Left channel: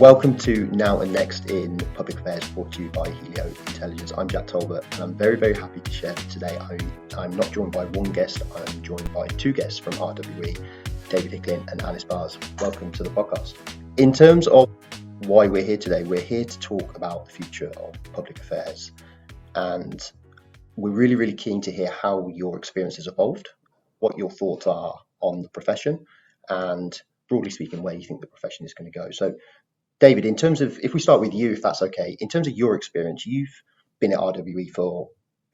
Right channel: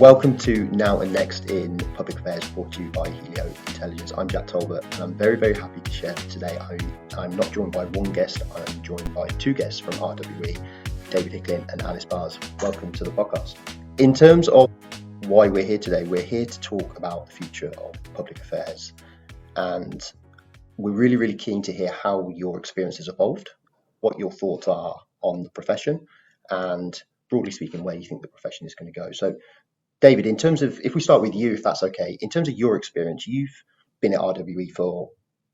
Welcome to Now and Next in Public Affairs, brought to you by Helio Intelligence. I'm Jack Tolbert, and I'm very, very happy to share that today I'm not joined by one guest, I'm joined by two guests from RWE, David Hickling and Alice Bars. Welcome to the podcast. In terms of why we're here today, we're here to talk about the future of public affairs, and we're really, really keen to hear how your experience has evolved, what your thoughts are on the profession, and broadly speaking, where you think the profession is going to go. So David, in terms of, if we start with you, if that's okay, in terms of your experience, you've been at RWE for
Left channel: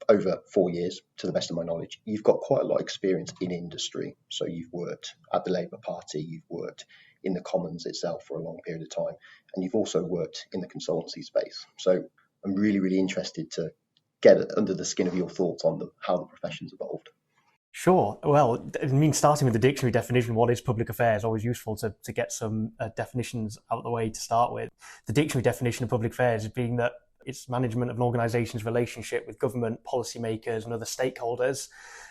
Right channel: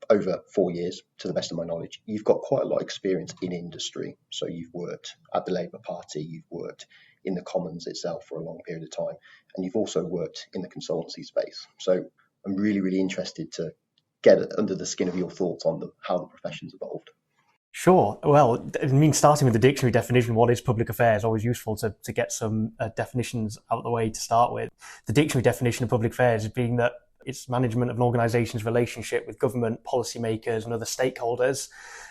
over 4 years, to the best of my knowledge. You've got quite a lot of experience in industry. So you've worked at the Labour Party, you've worked in the Commons itself for a long period of time, and you've also worked in the consultancy space. So I'm really, really interested to get under the skin of your thoughts on how the profession's evolved. Sure. Well, I mean, starting with the dictionary definition, what is public affairs? Always useful to get some definitions out of the way to start with. The dictionary definition of public affairs being that it's management of an organisation's relationship with government, policymakers and other stakeholders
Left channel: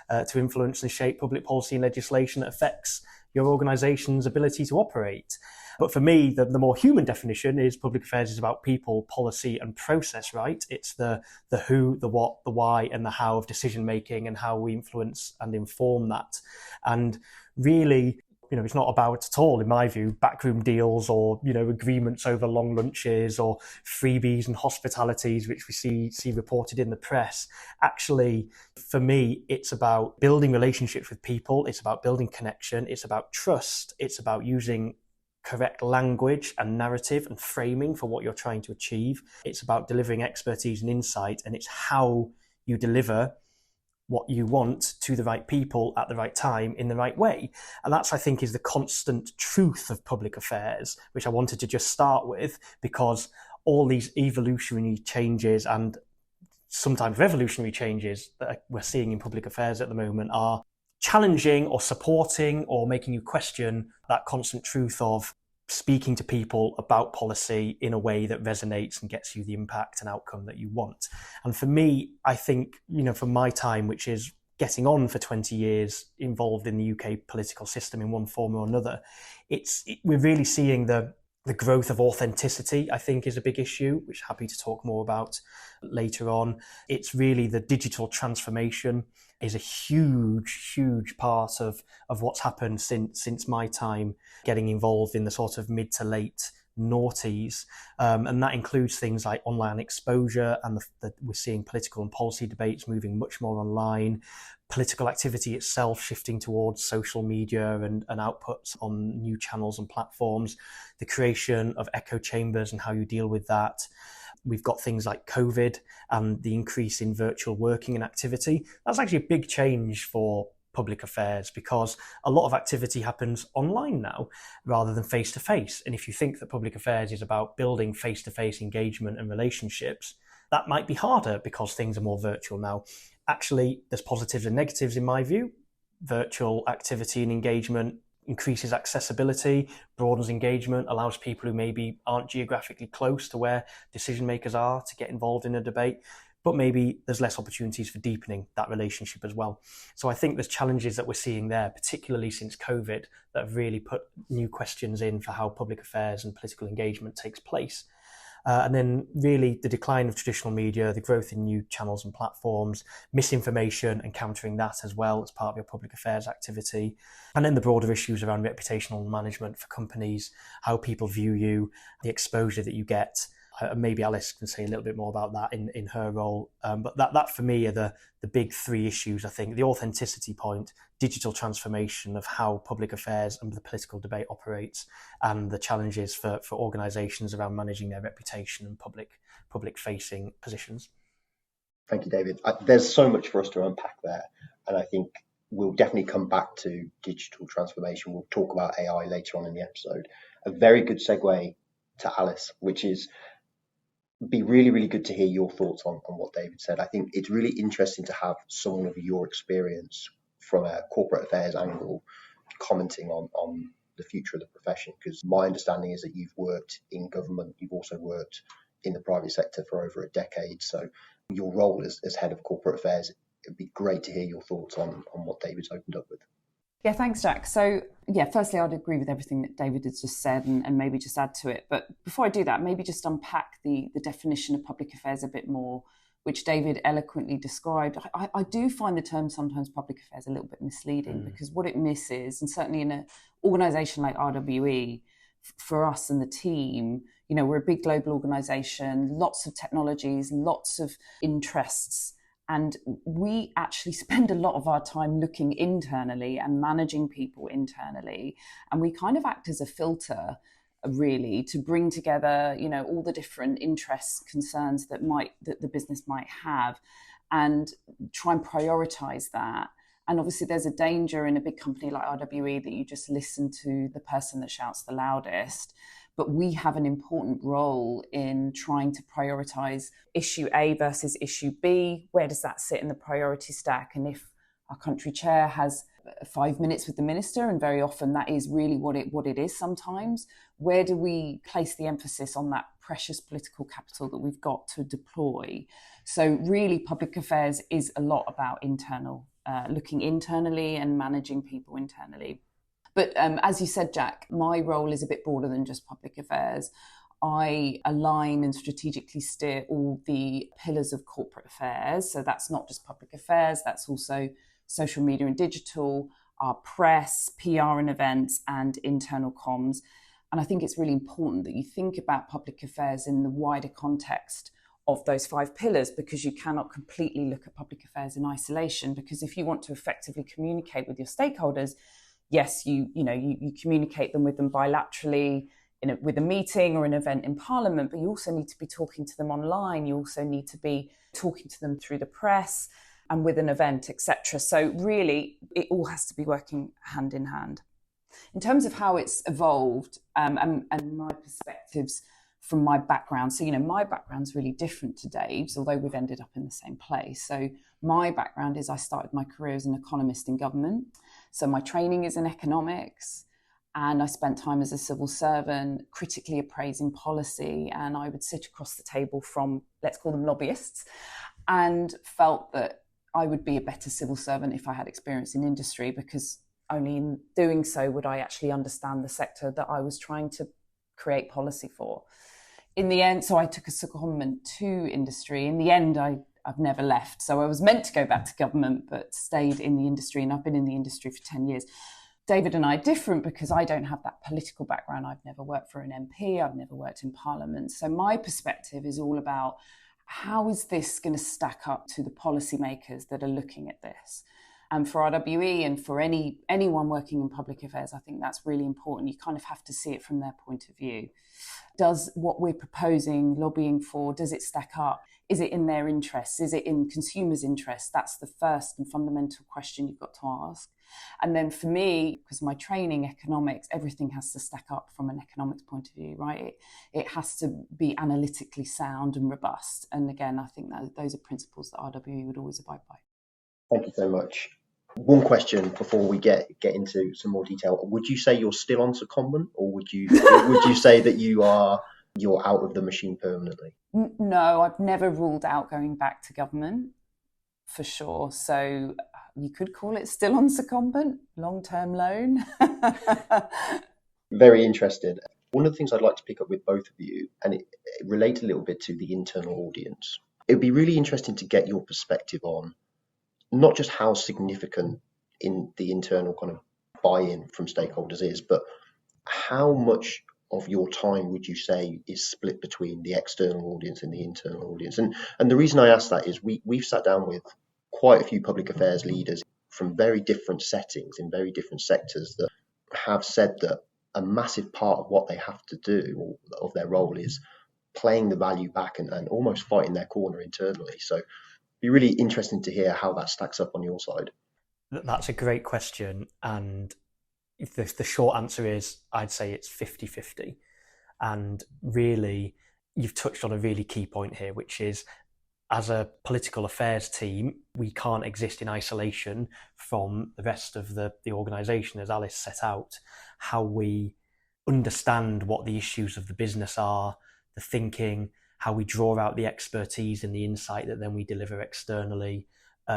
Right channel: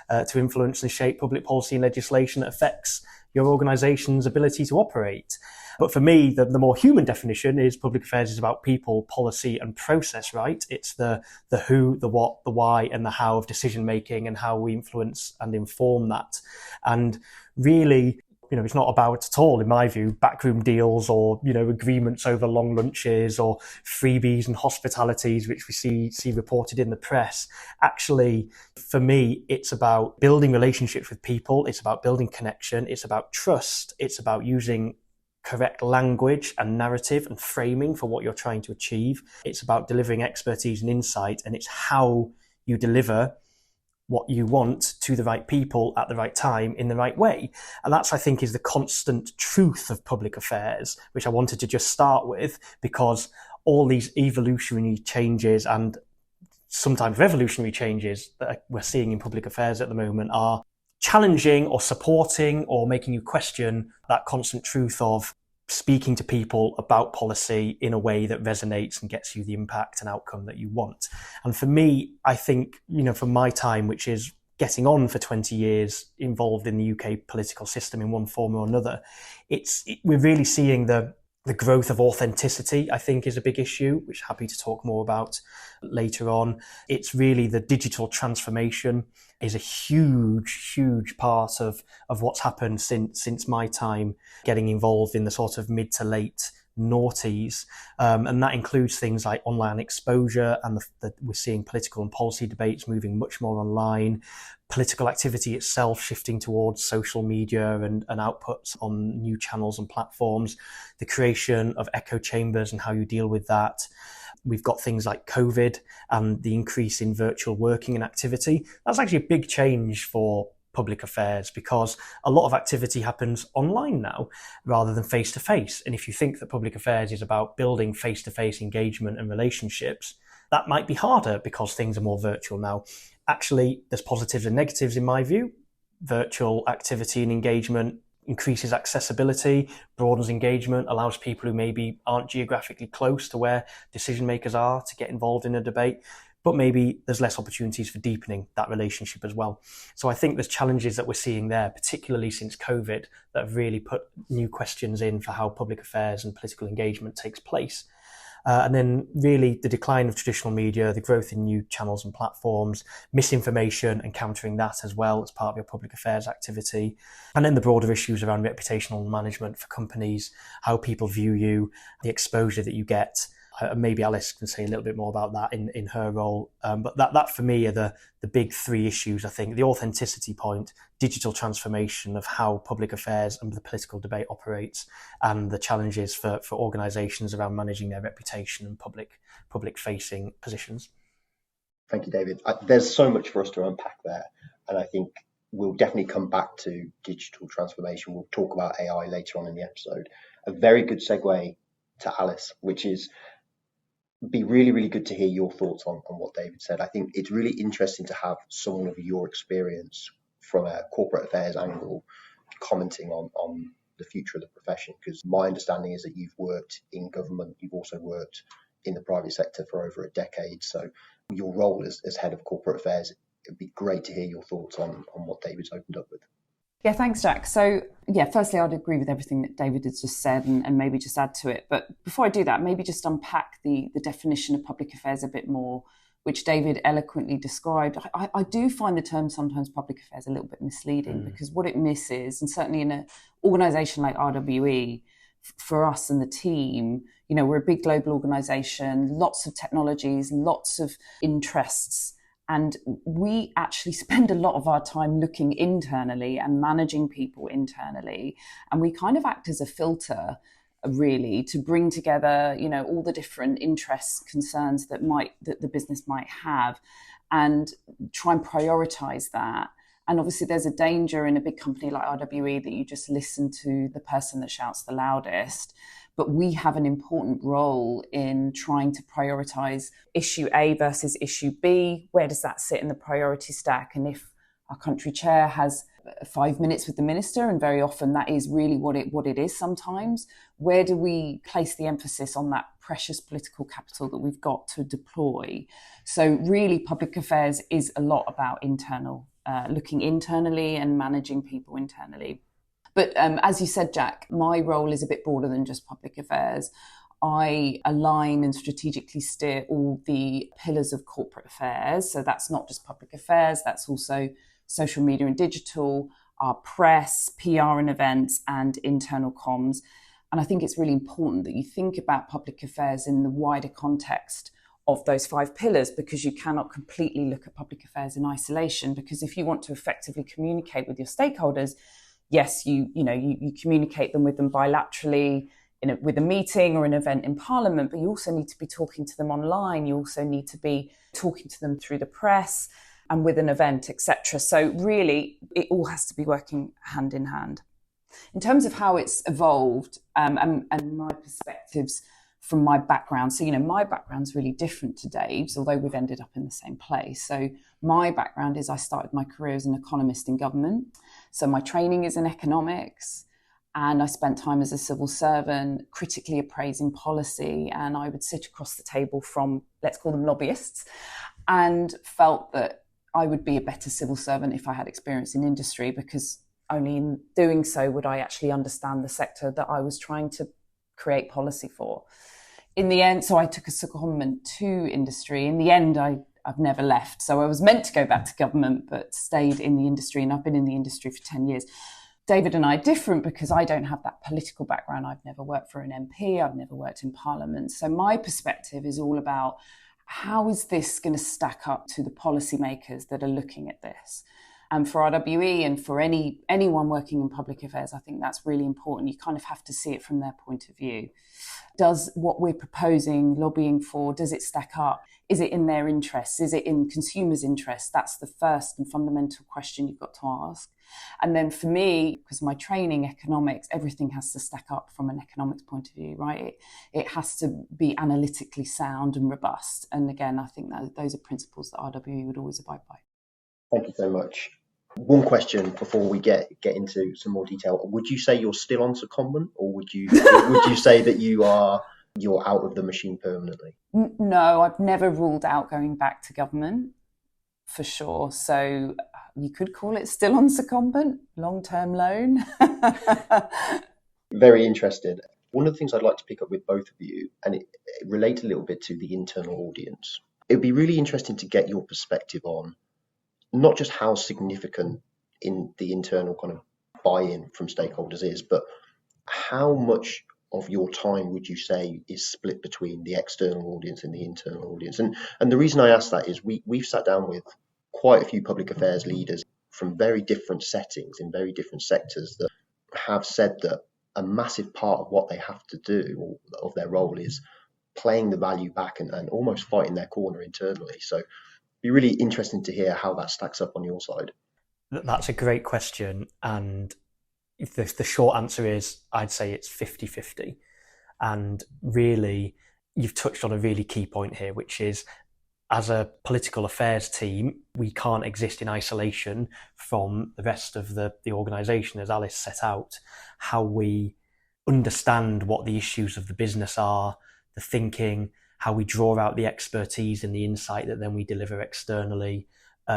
to influence and shape public policy and legislation that affects your organisation's ability to operate. But for me, the more human definition is public affairs is about people, policy and process, right? It's the who, the what, the why and the how of decision making and how we influence and inform that. And really, it's not about at all, in my view, backroom deals or, agreements over long lunches or freebies and hospitalities, which we see reported in the press. Actually, for me, it's about building relationships with people. It's about building connection. It's about trust. It's about using correct language and narrative and framing for what you're trying to achieve. It's about delivering expertise and insight, and it's how you deliver what you want to the right people at the right time in the right way. And that's, I think, is the constant truth of public affairs, which I wanted to just start with, because all these evolutionary changes and sometimes revolutionary changes that we're seeing in public affairs at the moment are challenging or supporting or making you question that constant truth of speaking to people about policy in a way that resonates and gets you the impact and outcome that you want. And for me, I think, from my time, which is getting on for 20 years involved in the UK political system in one form or another, we're really seeing the growth of authenticity, I think, is a big issue, which I'm happy to talk more about later on. It's really the digital transformation is a huge, huge part of what's happened since my time getting involved in the sort of mid to late noughties. And that includes things like online exposure, and we're seeing political and policy debates moving much more online, political activity itself shifting towards social media and outputs on new channels and platforms, the creation of echo chambers and how you deal with that. We've got things like COVID and the increase in virtual working and activity. That's actually a big change for public affairs, because a lot of activity happens online now rather than face-to-face. And if you think that public affairs is about building face-to-face engagement and relationships, that might be harder because things are more virtual now. Actually, there's positives and negatives in my view. Virtual activity and engagement increases accessibility, broadens engagement, allows people who maybe aren't geographically close to where decision makers are to get involved in a debate. But maybe there's less opportunities for deepening that relationship as well. So I think there's challenges that we're seeing there, particularly since COVID, that have really put new questions in for how public affairs and political engagement takes place. And then really the decline of traditional media, the growth in new channels and platforms, misinformation and countering that as well as part of your public affairs activity. And then the broader issues around reputational management for companies, how people view you, the exposure that you get. Maybe Alice can say a little bit more about that in her role. But that for me are the big three issues, I think. The authenticity point, digital transformation of how public affairs and the political debate operates, and the challenges for organisations around managing their reputation and public-facing positions. Thank you, David. There's so much for us to unpack there. And I think we'll definitely come back to digital transformation. We'll talk about AI later on in the episode. A very good segue to Alice, which is be really, really good to hear your thoughts on what David said. I think it's really interesting to have someone of your experience from a corporate affairs angle commenting on the future of the profession, because my understanding is that you've worked in government, you've also worked in the private sector for over a decade. So your role as head of corporate affairs, it'd be great to hear your thoughts on what David's opened up with. Yeah, thanks, Jack. So, yeah, firstly, I'd agree with everything that David has just said and maybe just add to it. But before I do that, maybe just unpack the definition of public affairs a bit more, which David eloquently described. I do find the term sometimes public affairs a little bit misleading because what it misses, and certainly in an organisation like RWE, for us and the team, you know, we're a big global organisation, lots of technologies, lots of interests. And we actually spend a lot of our time looking internally and managing people internally. And we kind of act as a filter, really, to bring together, you know, all the different interests, concerns that the business might have, and try and prioritize that. And obviously there's a danger in a big company like RWE that you just listen to the person that shouts the loudest. But we have an important role in trying to prioritize issue A versus issue B. Where does that sit in the priority stack? And if our country chair has 5 minutes with the minister, and very often that is really what it is sometimes, where do we place the emphasis on that precious political capital that we've got to deploy? So really, public affairs is a lot about looking internally and managing people internally. But as you said, Jack, my role is a bit broader than just public affairs. I align and strategically steer all the pillars of corporate affairs. So that's not just public affairs, that's also social media and digital, our press, PR and events, and internal comms. And I think it's really important that you think about public affairs in the wider context of those 5 pillars, because you cannot completely look at public affairs in isolation. Because if you want to effectively communicate with your stakeholders, yes, you communicate with them bilaterally with a meeting or an event in Parliament, but you also need to be talking to them online. You also need to be talking to them through the press and with an event, etc. So really, it all has to be working hand in hand. In terms of how it's evolved and my perspectives from my background. So, you know, my background's really different to Dave's, although we've ended up in the same place. So my background is I started my career as an economist in government. So my training is in economics, and I spent time as a civil servant critically appraising policy. And I would sit across the table from, let's call them lobbyists, and felt that I would be a better civil servant if I had experience in industry, because only in doing so would I actually understand the sector that I was trying to create policy for. In the end, so I took a secondment to industry. In the end, I've never left. So I was meant to go back to government, but stayed in the industry, and I've been in the industry for 10 years. David and I are different because I don't have that political background. I've never worked for an MP. I've never worked in Parliament. So my perspective is all about how is this going to stack up to the policymakers that are looking at this? And for RWE and for anyone working in public affairs, I think that's really important. You kind of have to see it from their point of view. Does what we're proposing, lobbying for, does it stack up? Is it in their interests? Is it in consumers' interests? That's the first and fundamental question you've got to ask. And then for me, because my training, economics, everything has to stack up from an economics point of view, right? It has to be analytically sound and robust. And again, I think that those are principles that RWE would always abide by. Thank you so much. One question before we get into some more detail. Would you say you're still on secondment, or would you say that you're out of the machine permanently? No, I've never ruled out going back to government, for sure. So you could call it still on secondment, long-term loan. Very interested. One of the things I'd like to pick up with both of you, and it relates a little bit to the internal audience. It would be really interesting to get your perspective on not just how significant in the internal kind of buy-in from stakeholders is, but how much of your time would you say is split between the external audience and the internal audience? And the reason I ask that is we've sat down with quite a few public affairs leaders from very different settings in very different sectors that have said that a massive part of what they have to do, or of their role, is playing the value back and almost fighting their corner internally. So it'd be really interesting to hear how that stacks up on your side. That's a great question. And the short answer is I'd say it's 50-50. And really, you've touched on a really key point here, which is as a political affairs team, we can't exist in isolation from the rest of the organisation, as Alice set out. How we understand what the issues of the business are, the thinking, how we draw out the expertise and the insight that then we deliver externally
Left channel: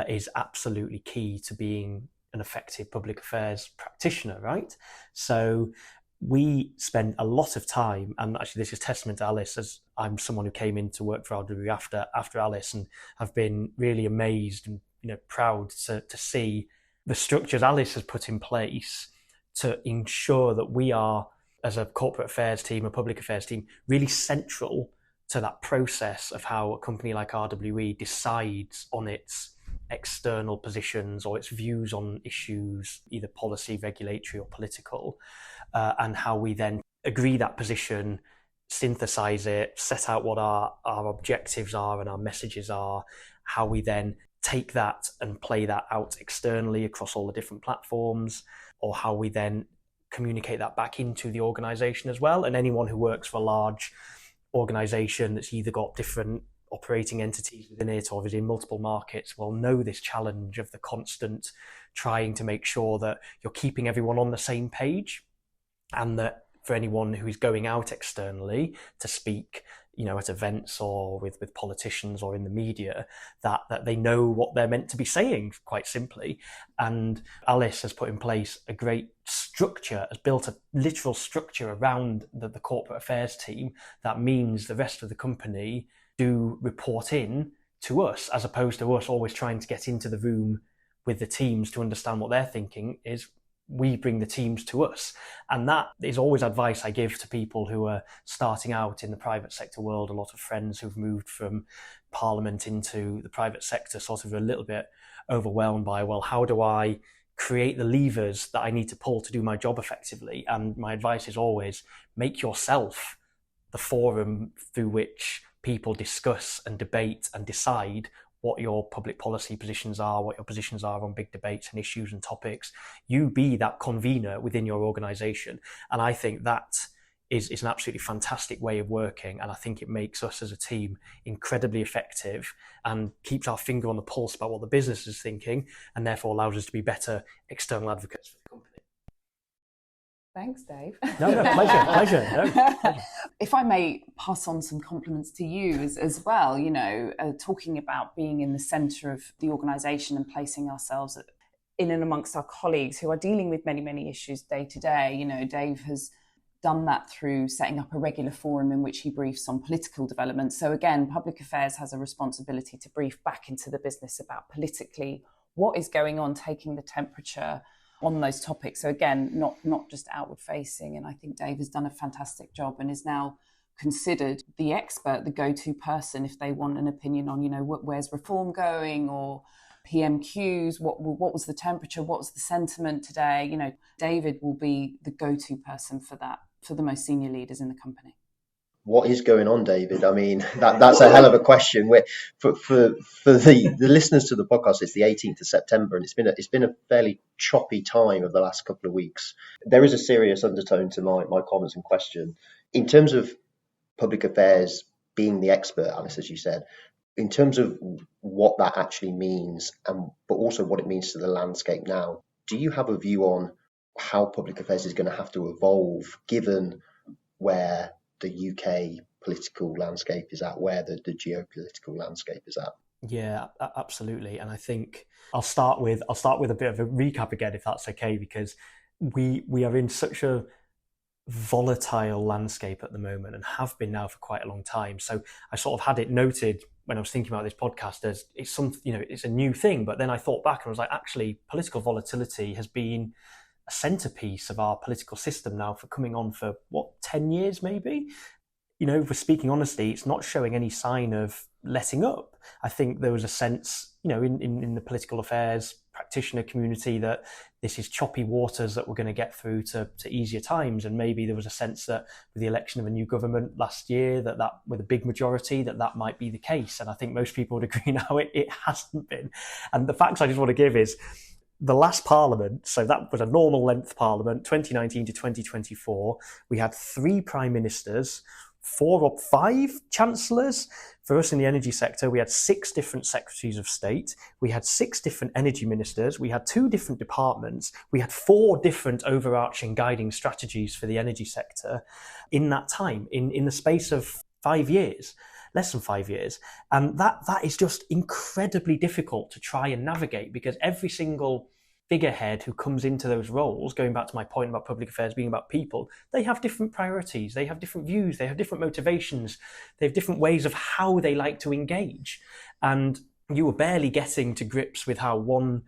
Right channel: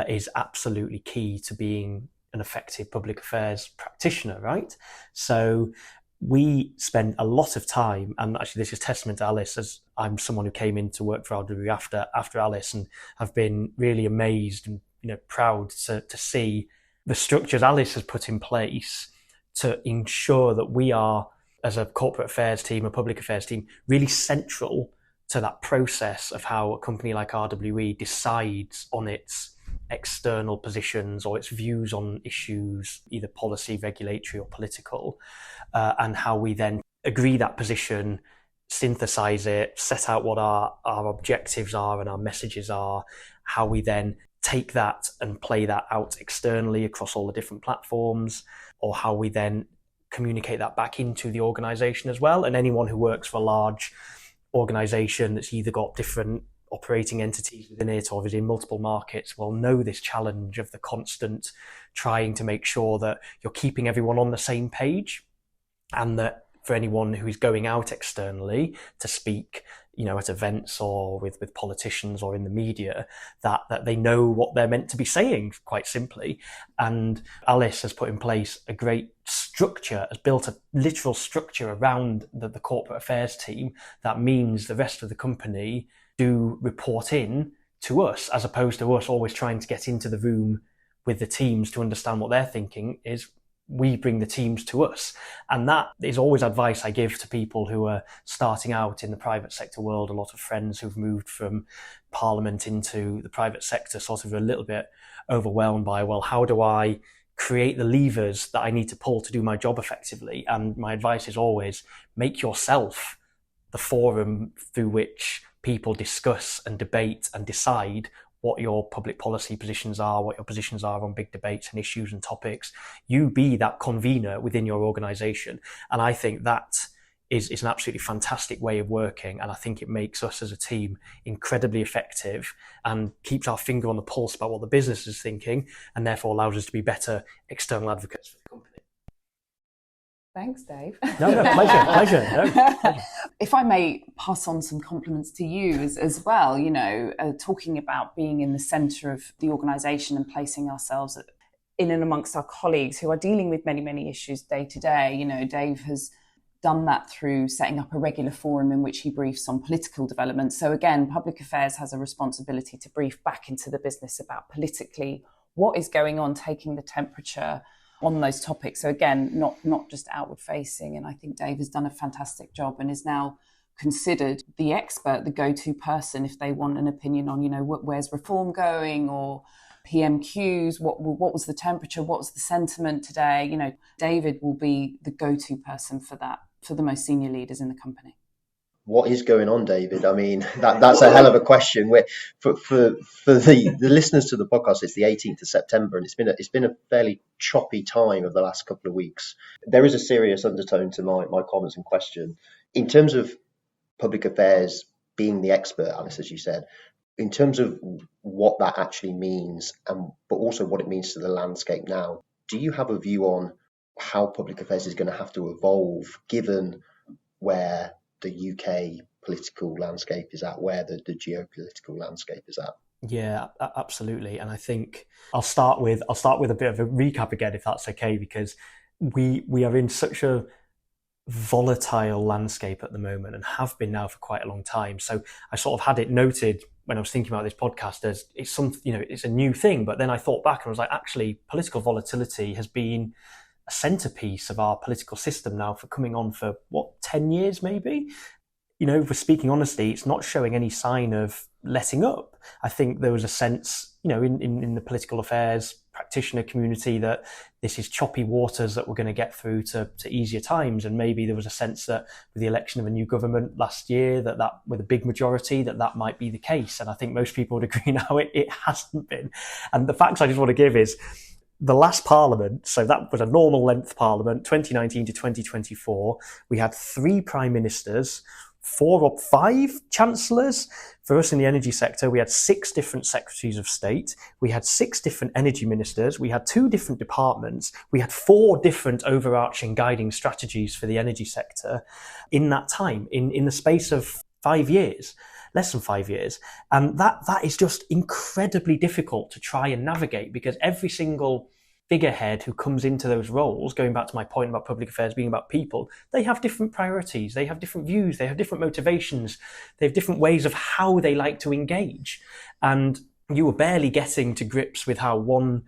is absolutely key to being an effective public affairs practitioner, right? So we spend a lot of time, and actually this is testament to Alice, as I'm someone who came in to work for RWE after Alice, and have been really amazed and proud to see the structures Alice has put in place to ensure that we are, as a corporate affairs team, a public affairs team, really central to that process of how a company like RWE decides on its external positions or its views on issues, either policy, regulatory or political, and how we then agree that position, synthesize it, set out what our objectives are and our messages are, how we then take that and play that out externally across all the different platforms, or how we then communicate that back into the organization as well. And anyone who works for a large organization that's either got different operating entities within it or is in multiple markets will know this challenge of the constant trying to make sure that you're keeping everyone on the same page, and that for anyone who is going out externally to speak, at events or with politicians or in the media, that they know what they're meant to be saying, quite simply. And Alice has put in place a great structure, has built a literal structure around the corporate affairs team that means the rest of the company do report in to us, as opposed to us always trying to get into the room with the teams to understand what they're thinking. Is we bring the teams to us. And that is always advice I give to people who are starting out in the private sector world. A lot of friends who've moved from Parliament into the private sector sort of a little bit overwhelmed by, well, how do I create the levers that I need to pull to do my job effectively? And my advice is always make yourself the forum through which people discuss and debate and decide what your public policy positions are, what your positions are on big debates and issues and topics. You be that convener within your organisation. And I think that is an absolutely fantastic way of working. And I think it makes us as a team incredibly effective and keeps our finger on the pulse about what the business is thinking, and therefore allows us to be better external advocates for the company. Thanks, Dave. No, pleasure. No. If I may pass on some compliments to you as well, talking about being in the centre of the organisation and placing ourselves in and amongst our colleagues who are dealing with many, many issues day to day. Dave has done that through setting up a regular forum in which he briefs on political developments. So again, public affairs has a responsibility to brief back into the business about politically what is going on, taking the temperature on those topics. So again, not just outward facing. And I think Dave has done a fantastic job and is now considered the expert, the go-to person if they want an opinion on, where's reform going, or PMQs, what was the temperature, what was the sentiment today. David will be the go-to person for that, for the most senior leaders in the company. What is going on, David? I mean, that's a hell of a question. For the listeners to the podcast, it's the 18th of September, and it's been a fairly choppy time of the last couple of weeks. There is a serious undertone to my comments and question. In terms of public affairs being the expert, Alice, as you said, in terms of what that actually means, but also what it means to the landscape now, do you have a view on how public affairs is going to have to evolve, given where the UK political landscape is at, where the geopolitical landscape is at? Yeah, absolutely. And I think I'll start with a bit of a recap again, if that's okay, because we are in such a volatile landscape at the moment and have been now for quite a long time. So I sort of had it noted when I was thinking about this podcast as it's a new thing. But then I thought back and I was like, actually, political volatility has been a centerpiece of our political system now for coming on for 10 years maybe. If we're speaking honestly, it's not showing any sign of letting up. I think there was a sense, in the political affairs practitioner community that this is choppy waters that we're going to get through to easier times. And maybe there was a sense that with the election of a new government last year, that with a big majority, that might be the case. And I think most people would agree now it hasn't been. And the facts I just want to give is, the last parliament, so that was a normal length parliament, 2019 to 2024, we had 3 prime ministers, 4 or 5 chancellors. For us in the energy sector, we had 6 different secretaries of state. We had 6 different energy ministers. We had 2 different departments. We had 4 different overarching guiding strategies for the energy sector in that time, in the space of 5 years. Less than 5 years. And that is just incredibly difficult to try and navigate, because every single figurehead who comes into those roles, going back to my point about public affairs being about people, they have different priorities, they have different views, they have different motivations, they have different ways of how they like to engage. And you were barely getting to grips with how one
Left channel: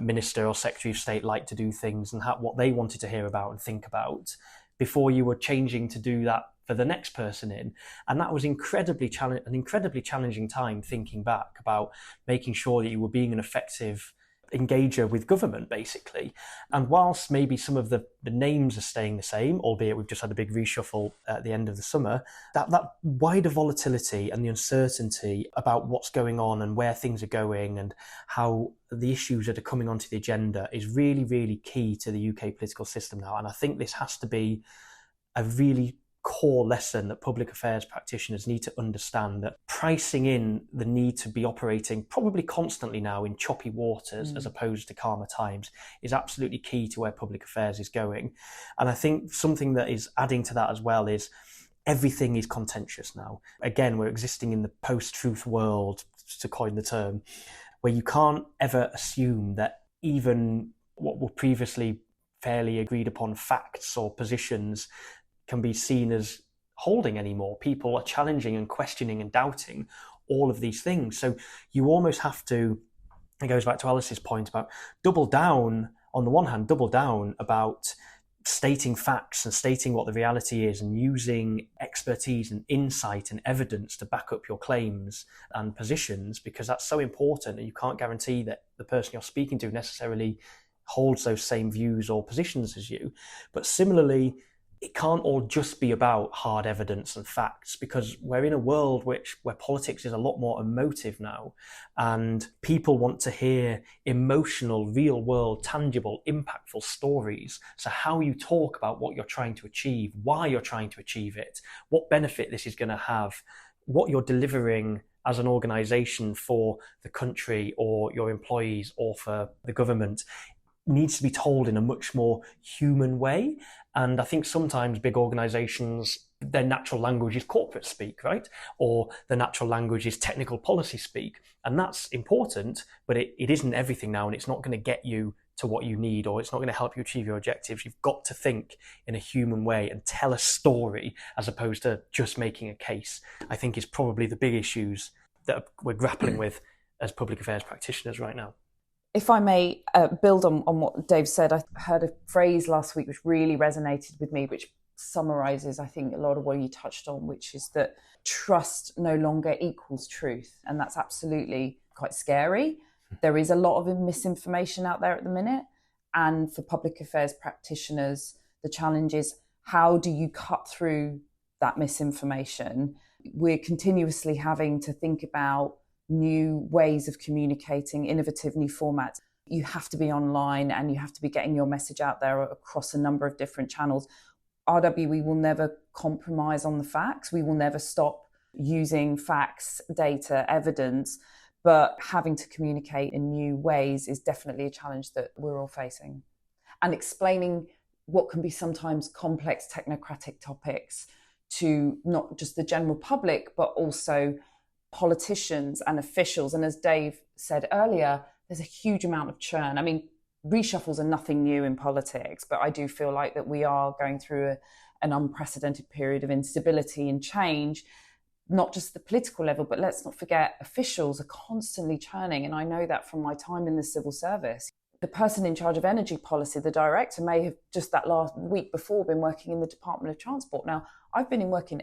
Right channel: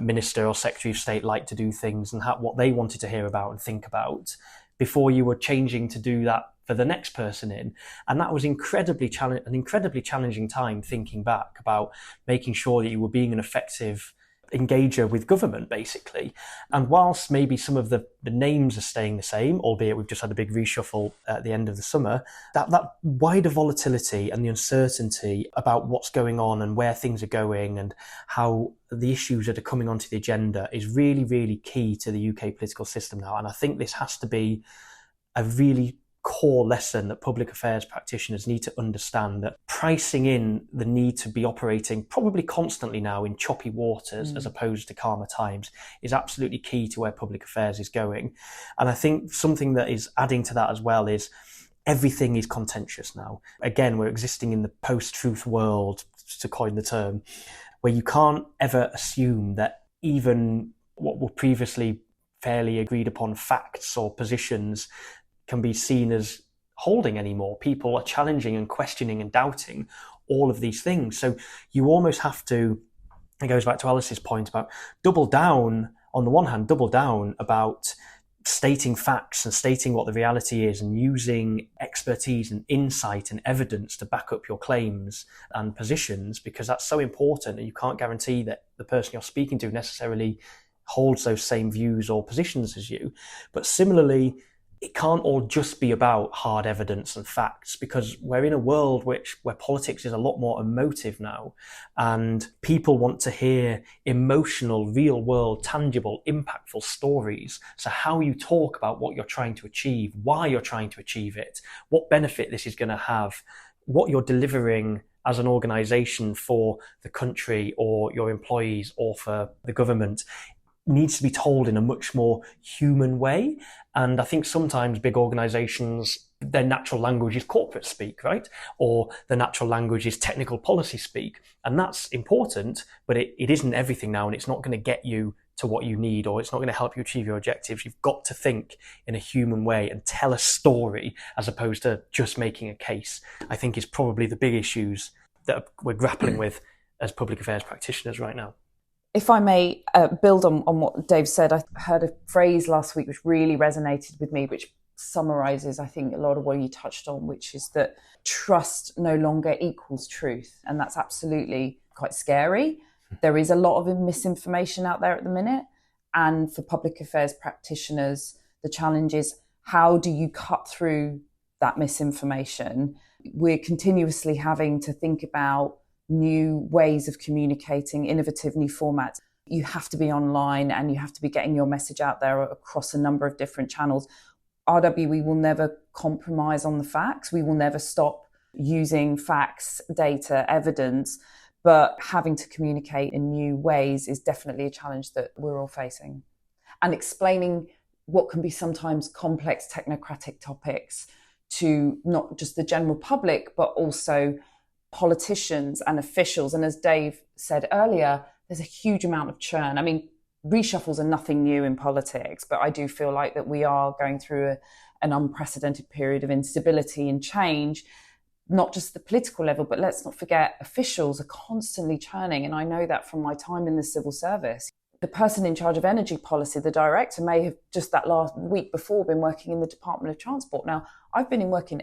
minister or secretary of state liked to do things and what they wanted to hear about and think about before you were changing to do that for the next person in. And that was an incredibly challenging time, thinking back about making sure that you were being an effective engager with government, basically. And whilst maybe some of the names are staying the same, albeit we've just had a big reshuffle at the end of the summer, that wider volatility and the uncertainty about what's going on and where things are going and how the issues that are coming onto the agenda is really, really key to the UK political system now. And I think this has to be a really core lesson that public affairs practitioners need to understand, that pricing in the need to be operating probably constantly now in choppy waters as opposed to calmer times is absolutely key to where public affairs is going. And I think something that is adding to that as well is everything is contentious now. Again, we're existing in the post-truth world, to coin the term, where you can't ever assume that even what were previously fairly agreed upon facts or positions can be seen as holding anymore. People are challenging and questioning and doubting all of these things. So you almost have to, it goes back to Alice's point about double down, on the one hand, double down about stating facts and stating what the reality is and using expertise and insight and evidence to back up your claims and positions, because that's so important, and you can't guarantee that the person you're speaking to necessarily holds those same views or positions as you. But similarly, it can't all just be about hard evidence and facts, because we're in a world where politics is a lot more emotive now, and people want to hear emotional, real world, tangible, impactful stories. So how you talk about what you're trying to achieve, why you're trying to achieve it, what benefit this is going to have, what you're delivering as an organisation for the country or your employees or for the government, needs to be told in a much more human way. And I think sometimes big organizations, their natural language is corporate speak, right? Or the natural language is technical policy speak. And that's important, but it isn't everything now, and it's not going to get you to what you need, or it's not going to help you achieve your objectives. You've got to think in a human way and tell a story as opposed to just making a case, I think is probably the big issues that we're grappling with as public affairs practitioners right now. If I may build on what Dave said, I heard a phrase last week which really resonated with me, which summarises, I think, a lot of what you touched on, which is that trust no longer equals truth. And that's absolutely quite scary. There is a lot of misinformation out there at the minute. And for public affairs practitioners, the challenge is, how do you cut through that misinformation? We're continuously having to think about new ways of communicating, innovative new formats. You have to be online and you have to be getting your message out there across a number of different channels. RWE will never compromise on the facts. We will never stop using facts, data, evidence, but having to communicate in new ways is definitely a challenge that we're all facing. And explaining what can be sometimes complex technocratic topics to not just the general public, but also politicians and officials. And as Dave said earlier, there's a huge amount of churn. I mean, reshuffles are nothing new in politics, but I do feel like that we are going through an unprecedented period of instability and change, not just the political level, but let's not forget officials are constantly churning. And I know that from my time in the civil service. The person in charge of energy policy, the director, may have just that last week before been working in the Department of Transport. Now, I've been working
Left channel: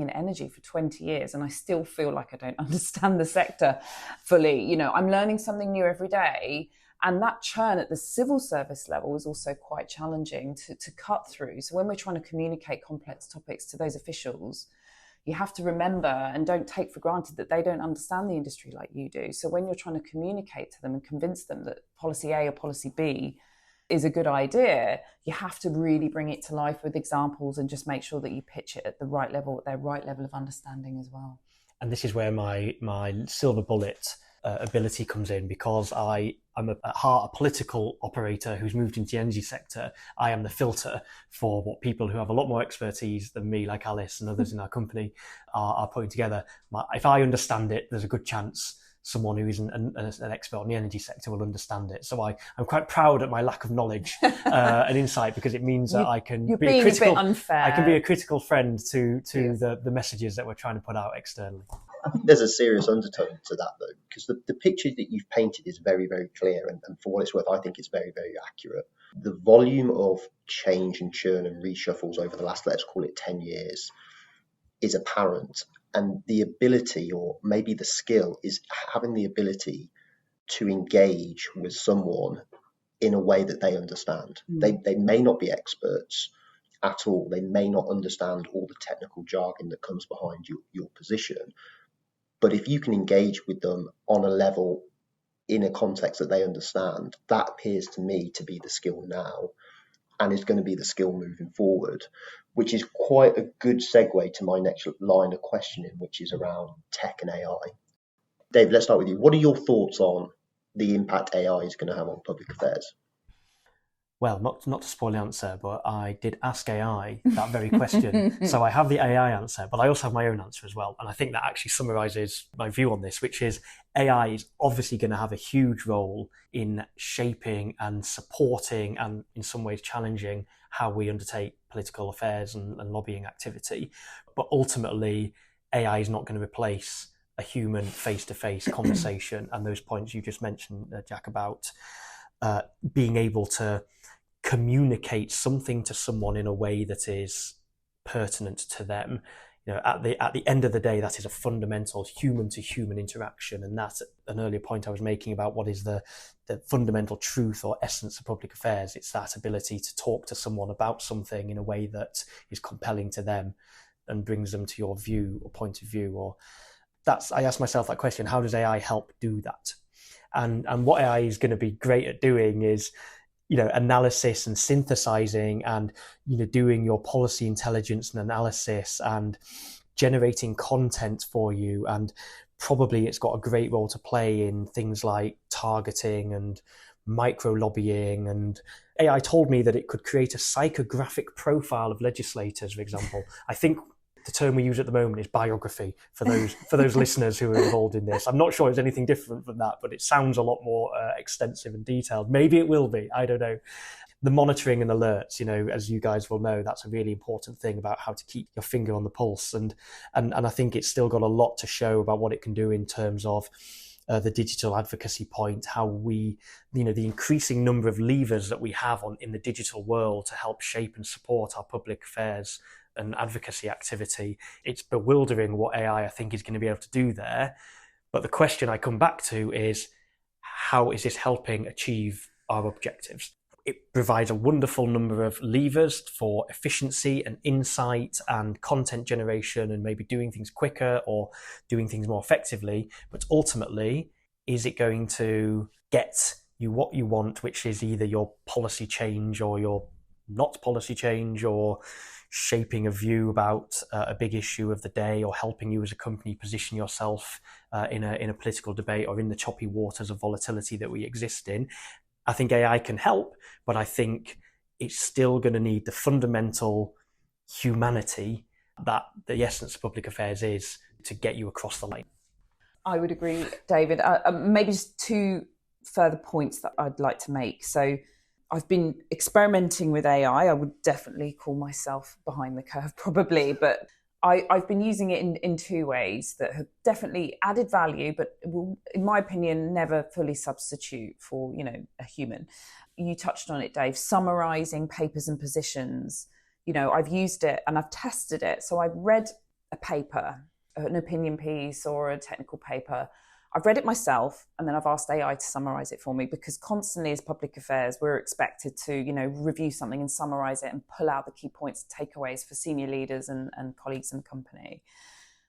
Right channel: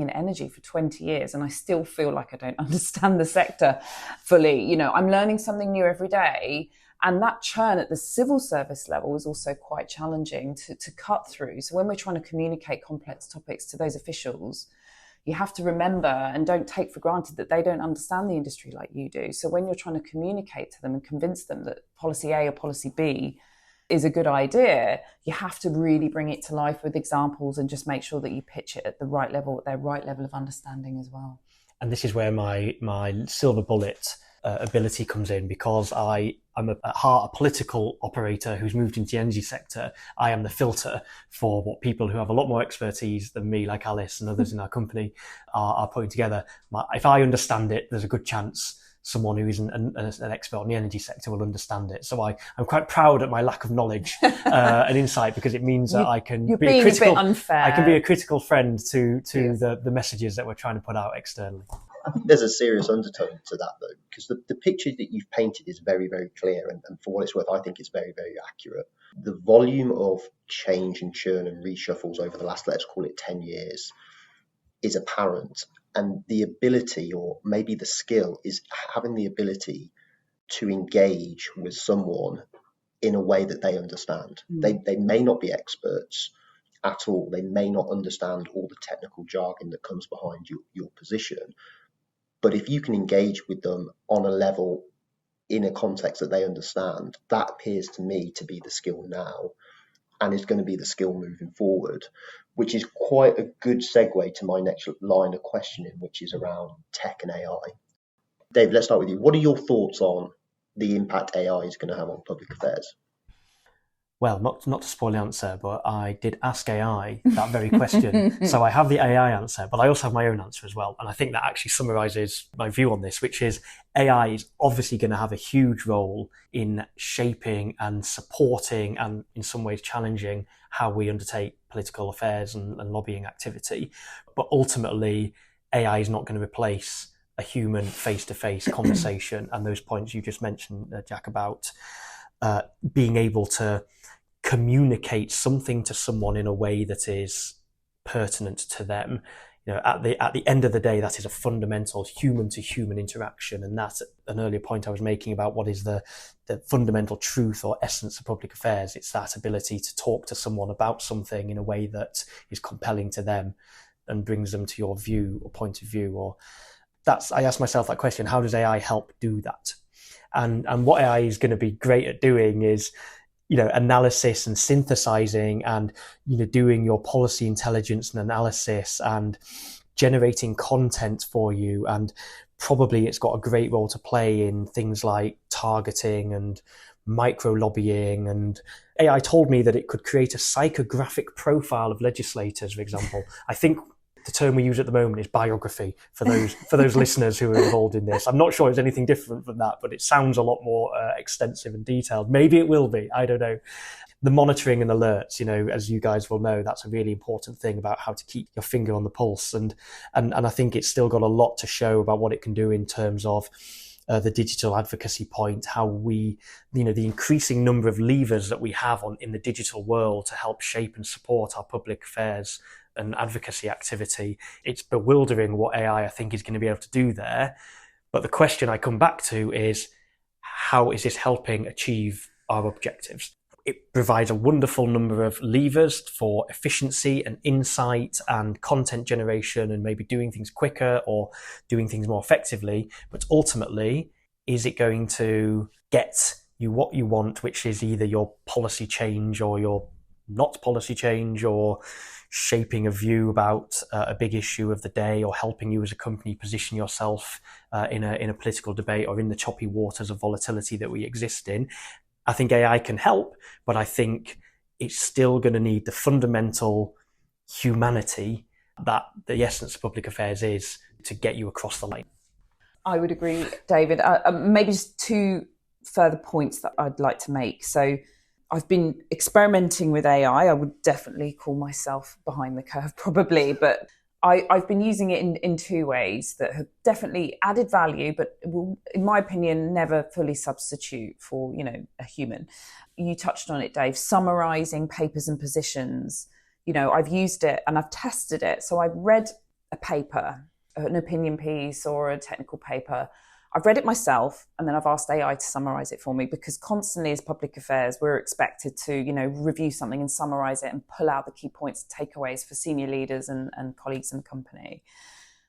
in energy for 20 years and I still feel like I don't understand the sector fully. You know, I'm learning something new every day. And that churn at the civil service level is also quite challenging to cut through. So when we're trying to communicate complex topics to those officials, you have to remember and don't take for granted that they don't understand the industry like you do. So when you're trying to communicate to them and convince them that policy A or policy B is a good idea, you have to really bring it to life with examples and just make sure that you pitch it at the right level, at their right level of understanding as well. And this is where my silver bullet ability comes in, because I'm at heart a political operator who's moved into the energy sector. I am the filter for what people who have a lot more expertise than me, like Alice and others in our company, are putting together. If I understand it, there's a good chance someone who isn't an expert on the energy sector will understand it. So I'm quite proud at my lack of knowledge and insight, because it means that I can be a critical, I can be a critical friend to the messages that we're trying to put out externally. I think there's a serious undertone to that, though, because the picture that you've painted is very, very clear, and for what it's worth, I think it's very, very accurate. The volume of change and churn and reshuffles over the last, let's call it 10 years, is apparent, and the ability, or maybe the skill, is having the ability to engage with someone in a way that they understand. They may not be experts at all. They may not understand all the technical jargon that comes behind your position. But if you can engage with them on a level, in a context that they understand, that appears to me to be the skill now, and is going to be the skill moving forward, which is quite a good segue to my next line of questioning, which is around tech and AI. Dave, let's start with you. What are your thoughts on the impact AI is going to have on public affairs? Well, not to spoil the answer, but I did ask AI that very question. So I have the AI answer, but I also have my own answer as well. And I think that actually summarizes my view on this, which is AI is obviously going to have a huge role in shaping and supporting, and in some ways challenging, how we undertake political affairs and lobbying activity. But ultimately, AI is not going to replace a human face-to-face conversation. And those points you just mentioned, Jack, about being able to communicate something to someone in a way that is pertinent to them. At the end of the day, that is a fundamental human-to-human interaction, and that's an earlier point I was making about what is the fundamental truth or essence of public affairs. It's that ability to talk to someone about something in a way that is compelling to them and brings them to your view or point of view. Or I asked myself that question: how does AI help do that? And what AI is going to be great at doing is, analysis and synthesizing, and, doing your policy intelligence and analysis and generating content for you. And probably it's got a great role to play in things like targeting and micro lobbying. And AI told me that it could create a psychographic profile of legislators, for example. I think the term we use at the moment is biography for those listeners who are involved in this. I'm not sure it's anything different from that, but it sounds a lot more extensive and detailed. Maybe it will be. I don't know. The monitoring and alerts, as you guys will know, that's a really important thing about how to keep your finger on the pulse. And I think it's still got a lot to show about what it can do in terms of the digital advocacy point, how we, the increasing number of levers that we have in the digital world to help shape and support our public affairs and advocacy activity. It's bewildering what AI, I think, is going to be able to do there. But the question I come back to is, how is this helping achieve our objectives? It provides a wonderful number of levers for efficiency and insight and content generation, and maybe doing things quicker or doing things more effectively. But ultimately, is it going to get you what you want, which is either your policy change or your not policy change, or shaping a view about a big issue of the day, or helping you as a company position yourself in a political debate, or in the choppy waters of volatility that we exist in? I think AI can help, but I think it's still going to need the fundamental humanity that the essence of public affairs is to get you across the line. I would agree, David. Maybe just two further points that I'd like to make. So I've been experimenting with AI. I would definitely call myself behind the curve, probably, but I've been using it in two ways that have definitely added value, but will, in my opinion, never fully substitute for, a human. You touched on it, Dave, summarizing papers and positions. I've used it and I've tested it. So I've read a paper, an opinion piece or a technical paper. I've read it myself, and then I've asked AI to summarize it for me, because constantly as public affairs, we're expected to, review something and summarize it and pull out the key points and takeaways for senior leaders and colleagues in the company.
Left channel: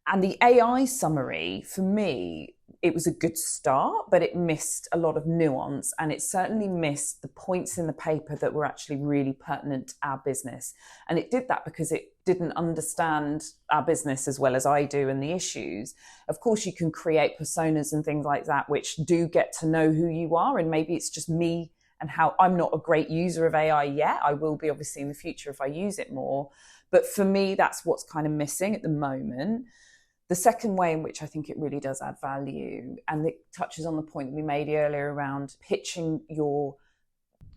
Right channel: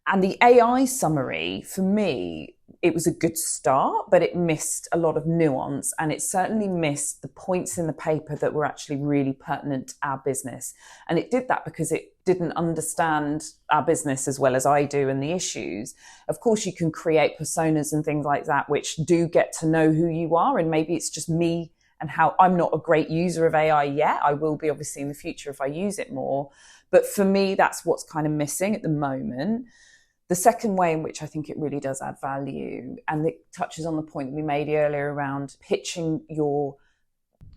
And the AI summary, for me, it was a good start, but it missed a lot of nuance, and it certainly missed the points in the paper that were actually really pertinent to our business. And it did that because it didn't understand our business as well as I do and the issues. Of course, you can create personas and things like that, which do get to know who you are. And maybe it's just me and how I'm not a great user of AI yet. I will be obviously in the future if I use it more. But for me, that's what's kind of missing at the moment. The The second way in which I think it really does add value, and it touches on the point that we made earlier around pitching your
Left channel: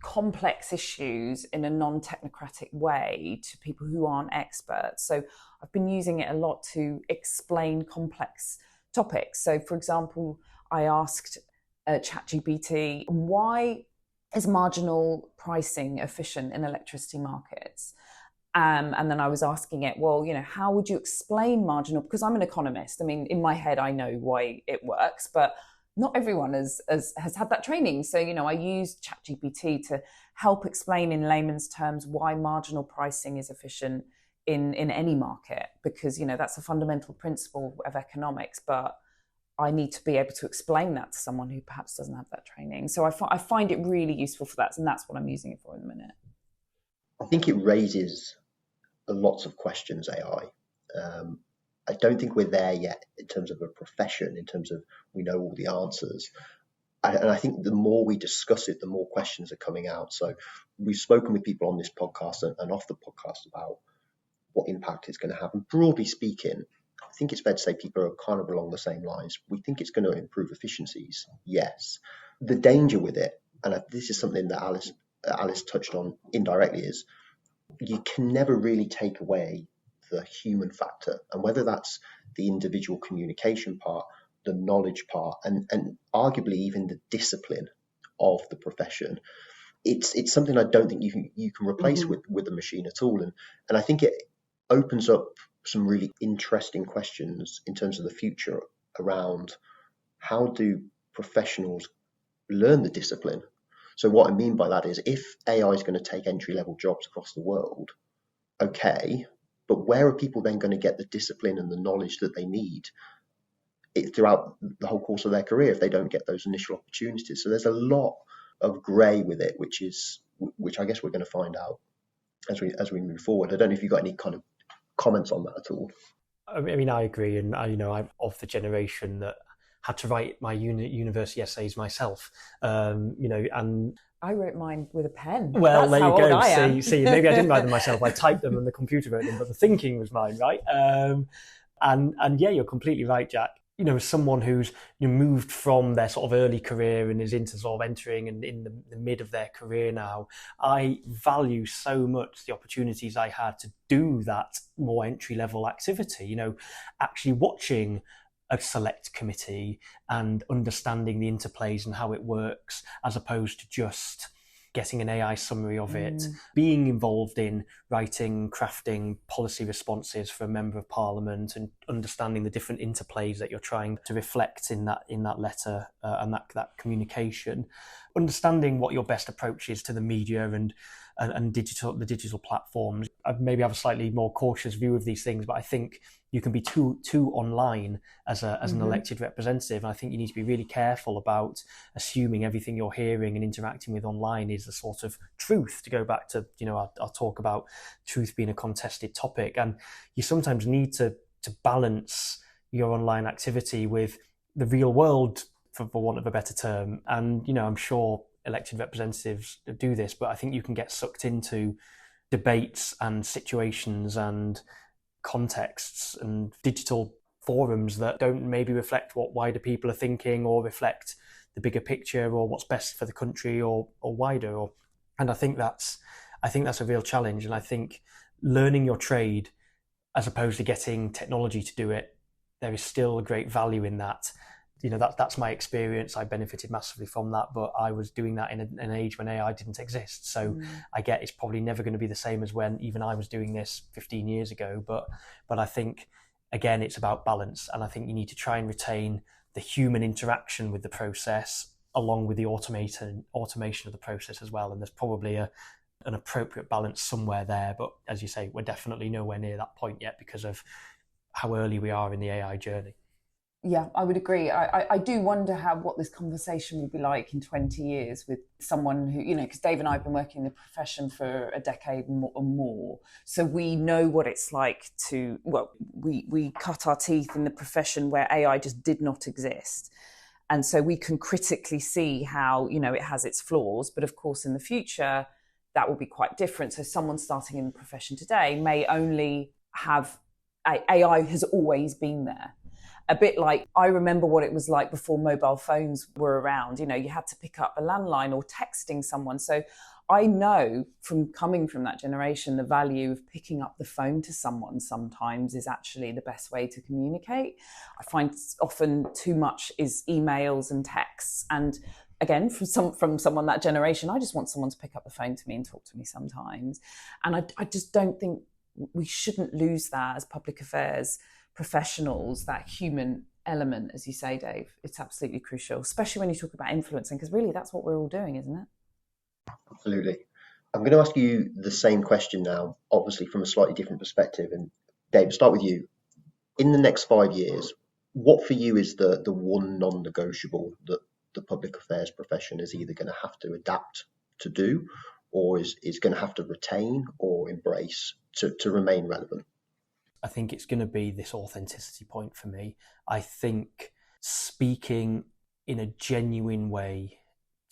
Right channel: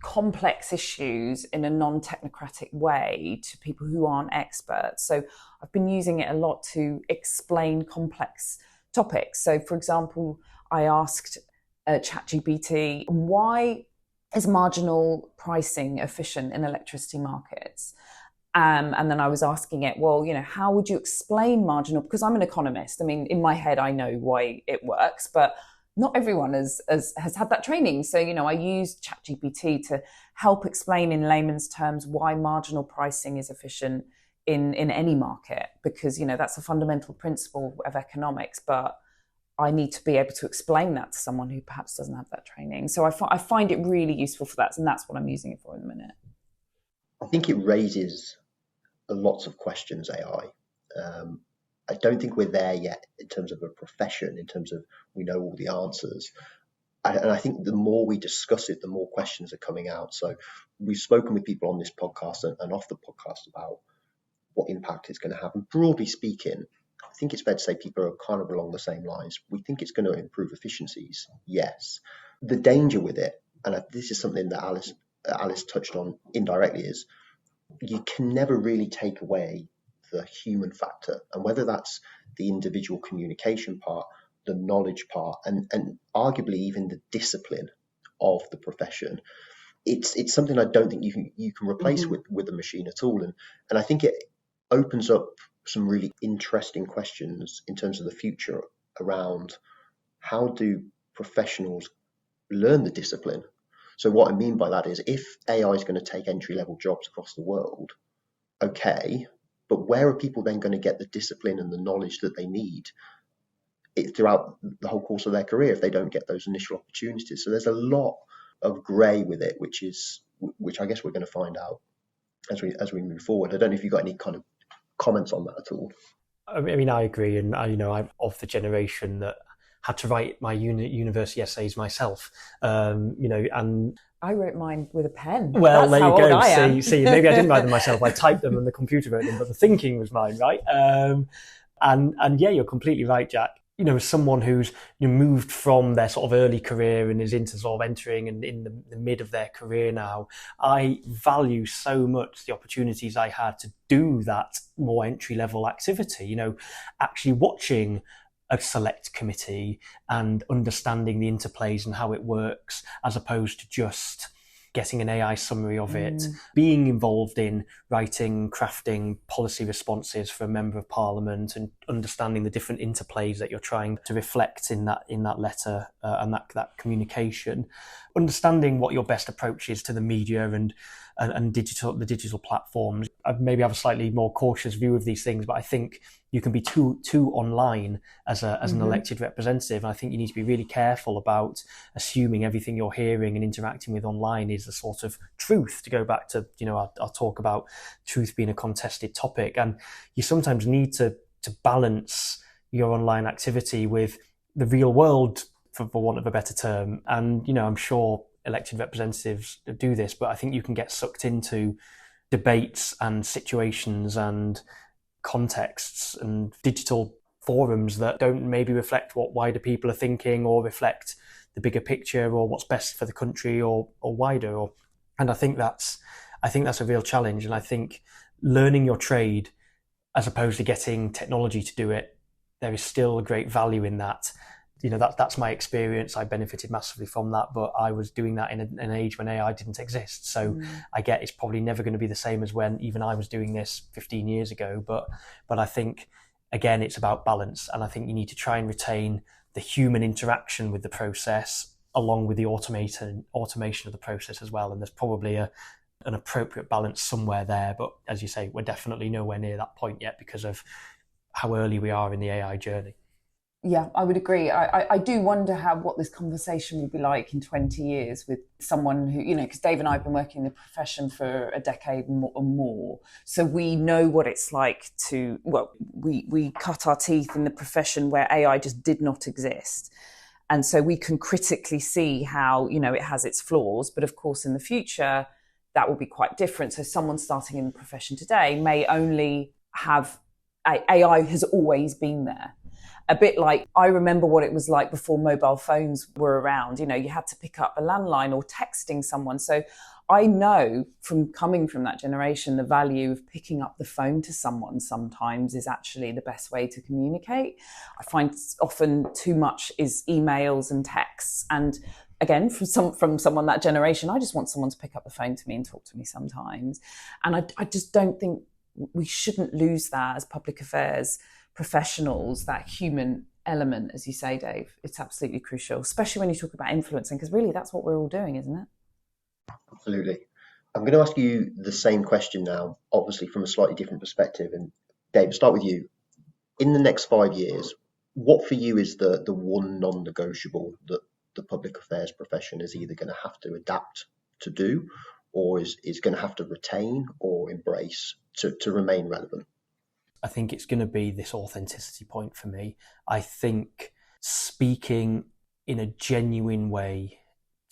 complex issues in a non-technocratic way to people who aren't experts. So I've been using it a lot to explain complex topics. So for example, I asked ChatGPT, why is marginal pricing efficient in electricity markets? And then I was asking it, well, how would you explain marginal? Because I'm an economist. I mean, in my head, I know why it works, but not everyone has had that training. So, I used ChatGPT to help explain in layman's terms why marginal pricing is efficient in any market, because, that's a fundamental principle of economics. But I need to be able to explain that to someone who perhaps doesn't have that training. So I find it really useful for that. And that's what I'm using it for in the minute. I think it raises lots of questions, AI. I don't think we're there yet in terms of a profession, in terms of we know all the answers. And I think the more we discuss it, the more questions are coming out. So we've spoken with people on this podcast and off the podcast about what impact it's going to have. And broadly speaking, I think it's fair to say people are kind of along the same lines. We think it's going to improve efficiencies, yes. The danger with it, and this is something that Alice touched on indirectly, is you can never really take away the human factor, and whether that's the individual communication part, the knowledge part, and arguably even the discipline of the profession. It's something I don't think you can replace with a machine at all, and I think it opens up some really interesting questions in terms of the future around how do professionals learn the discipline. So what I mean by that is, if AI is going to take entry-level jobs across the world, okay, but where are people then going to get the discipline and the knowledge that they need throughout the whole course of their career if they don't get those initial opportunities? So there's a lot of grey with it, which I guess we're going to find out as we move forward. I don't know if you've got any kind of comments on that at all. I mean, I agree, and I'm of the generation that had to write my university essays myself, and I wrote mine with a pen. Well, That's there you go. See, maybe I didn't write them myself. I typed them and the computer wrote them, but the thinking was mine, right? And yeah, you're completely right, Jack. As someone who's moved from their sort of early career and is into sort of entering and in the mid of their career now, I value so much the opportunities I had to do that more entry level activity. Actually watching a select committee and understanding the interplays and how it works, as opposed to just getting an AI summary of it, being involved in writing, crafting policy responses for a member of parliament and understanding the different interplays that you're trying to reflect in that letter and that communication, understanding what your best approach is to the media and the digital platforms. I maybe have a slightly more cautious view of these things, but I think you can be too online as an elected representative. And I think you need to be really careful about assuming everything you're hearing and interacting with online is a sort of truth. To go back to, I'll talk about truth being a contested topic. And you sometimes need to balance your online activity with the real world, for want of a better term. And, I'm sure elected representatives do this, but I think you can get sucked into debates and situations and contexts and digital forums that don't maybe reflect what wider people are thinking or reflect the bigger picture or what's best for the country or wider. And I think that's a real challenge. And I think learning your trade as opposed to getting technology to do it, there is still a great value in that. That's my experience. I benefited massively from that, but I was doing that in an age when AI didn't exist. So I get it's probably never going to be the same as when even I was doing this 15 years ago. But I think, again, it's about balance. And I think you need to try and retain the human interaction with the process along with the automation of the process as well. And there's probably an appropriate balance somewhere there. But as you say, we're definitely nowhere near that point yet because of how early we are in the AI journey. Yeah, I would agree. I do wonder what this conversation will be like in 20 years with someone who, because Dave and I have been working in the profession for a decade or more. So we know what it's like we cut our teeth in the profession where AI just did not exist. And so we can critically see how, it has its flaws. But of course, in the future, that will be quite different. So someone starting in the profession today may only have AI has always been there. a bit like, I remember what it was like before mobile phones were around. You had to pick up a landline or texting someone. So I know from coming from that generation, the value of picking up the phone to someone sometimes is actually the best way to communicate. I find often too much is emails and texts. And again, from someone that generation, I just want someone to pick up the phone to me and talk to me sometimes. And I just don't think we shouldn't lose that as public affairs professionals, that human element, as you say, Dave. It's absolutely crucial, especially when you talk about influencing, because really that's what we're all doing, isn't it? Absolutely. I'm going to ask you the same question now, obviously from a slightly different perspective. And Dave, start with you. In the next 5 years, what for you is the one non-negotiable that the public affairs profession is either going to have to adapt to do, or is going to have to retain or embrace to remain relevant? I think it's going to be this authenticity point for me. I think speaking in a genuine way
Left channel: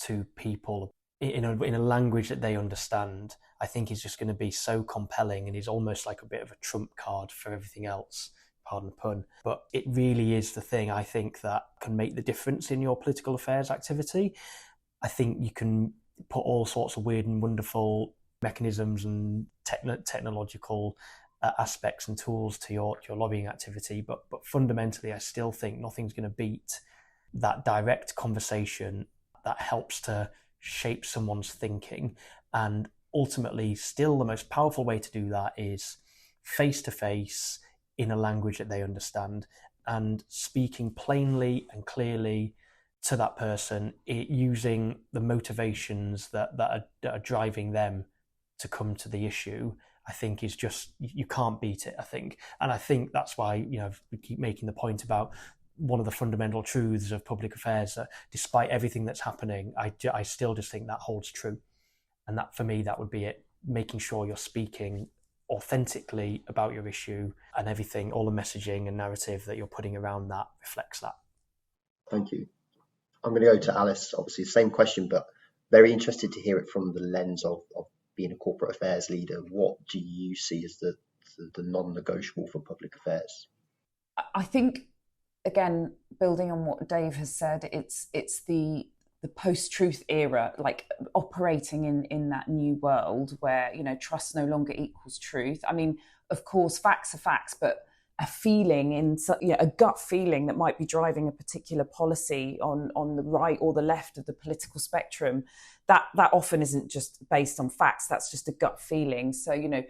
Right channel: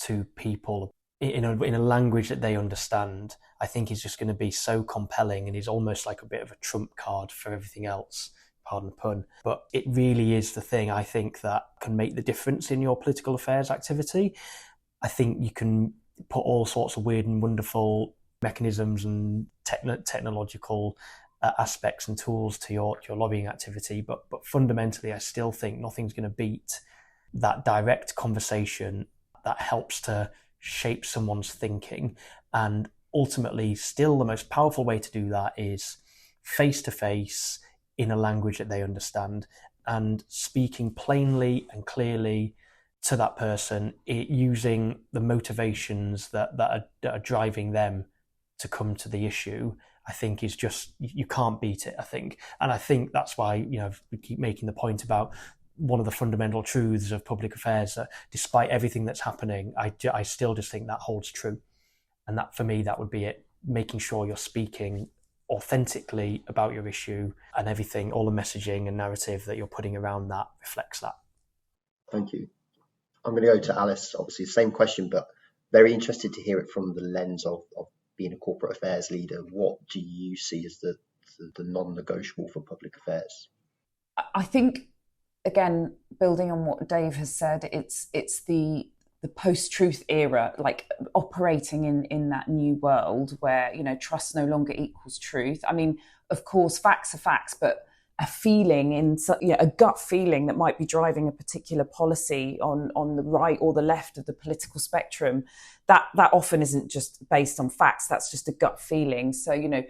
to people in a language that they understand, I think is just going to be so compelling and is almost like a bit of a trump card for everything else. Pardon the pun. But it really is the thing, I think, that can make the difference in your political affairs activity. I think you can put all sorts of weird and wonderful mechanisms and technological aspects and tools to your lobbying activity, but fundamentally, I still think nothing's going to beat that direct conversation that helps to shape someone's thinking. And ultimately, still the most powerful way to do that is face-to-face in a language that they understand and speaking plainly and clearly to that person, using the motivations that are driving them to come to the issue. I think is just, you can't beat it, I think. And I think that's why, we keep making the point about one of the fundamental truths of public affairs, that despite everything that's happening, I still just think that holds true. And that, for me, that would be it. Making sure you're speaking authentically about your issue, and everything, all the messaging and narrative that you're putting around that reflects that. Thank you. I'm going to go to Alice, obviously the same question, but very interested to hear it from the lens of being a corporate affairs leader. What do you see as the non-negotiable for public affairs? I think, again, building on what Dave has said, it's the post-truth era, like operating in that new world where, trust no longer equals truth. I mean, of course, facts are facts, but a feeling a gut feeling that might be driving a particular policy on the right or the left of the political spectrum, that often isn't just based on facts. That's just a gut feeling. So,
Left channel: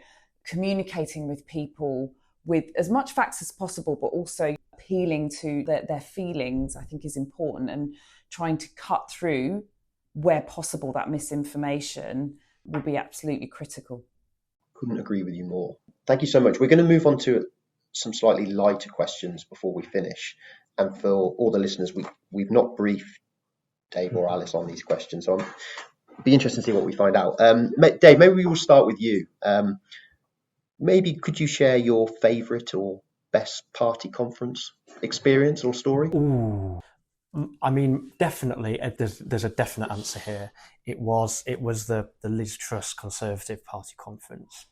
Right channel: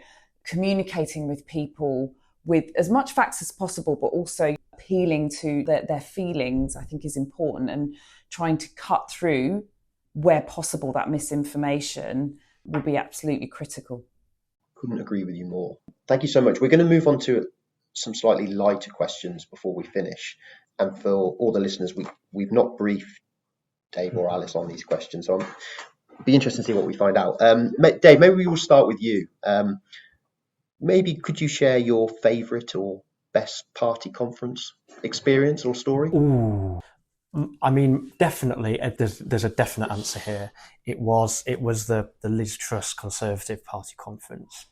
communicating with people with as much facts as possible, but also appealing to their feelings, I think is important, and trying to cut through where possible that misinformation will be absolutely critical. Couldn't agree with you more. Thank you so much. We're going to move on to some slightly lighter questions before we finish. And for all the listeners, we've not briefed Dave or Alice on these questions. So it'll be interesting to see what we find out. Dave, maybe we will start with you. Maybe could you share your favourite or best party conference experience or story? Ooh, I mean, definitely, there's a definite answer here. It was the Liz Truss Conservative Party conference.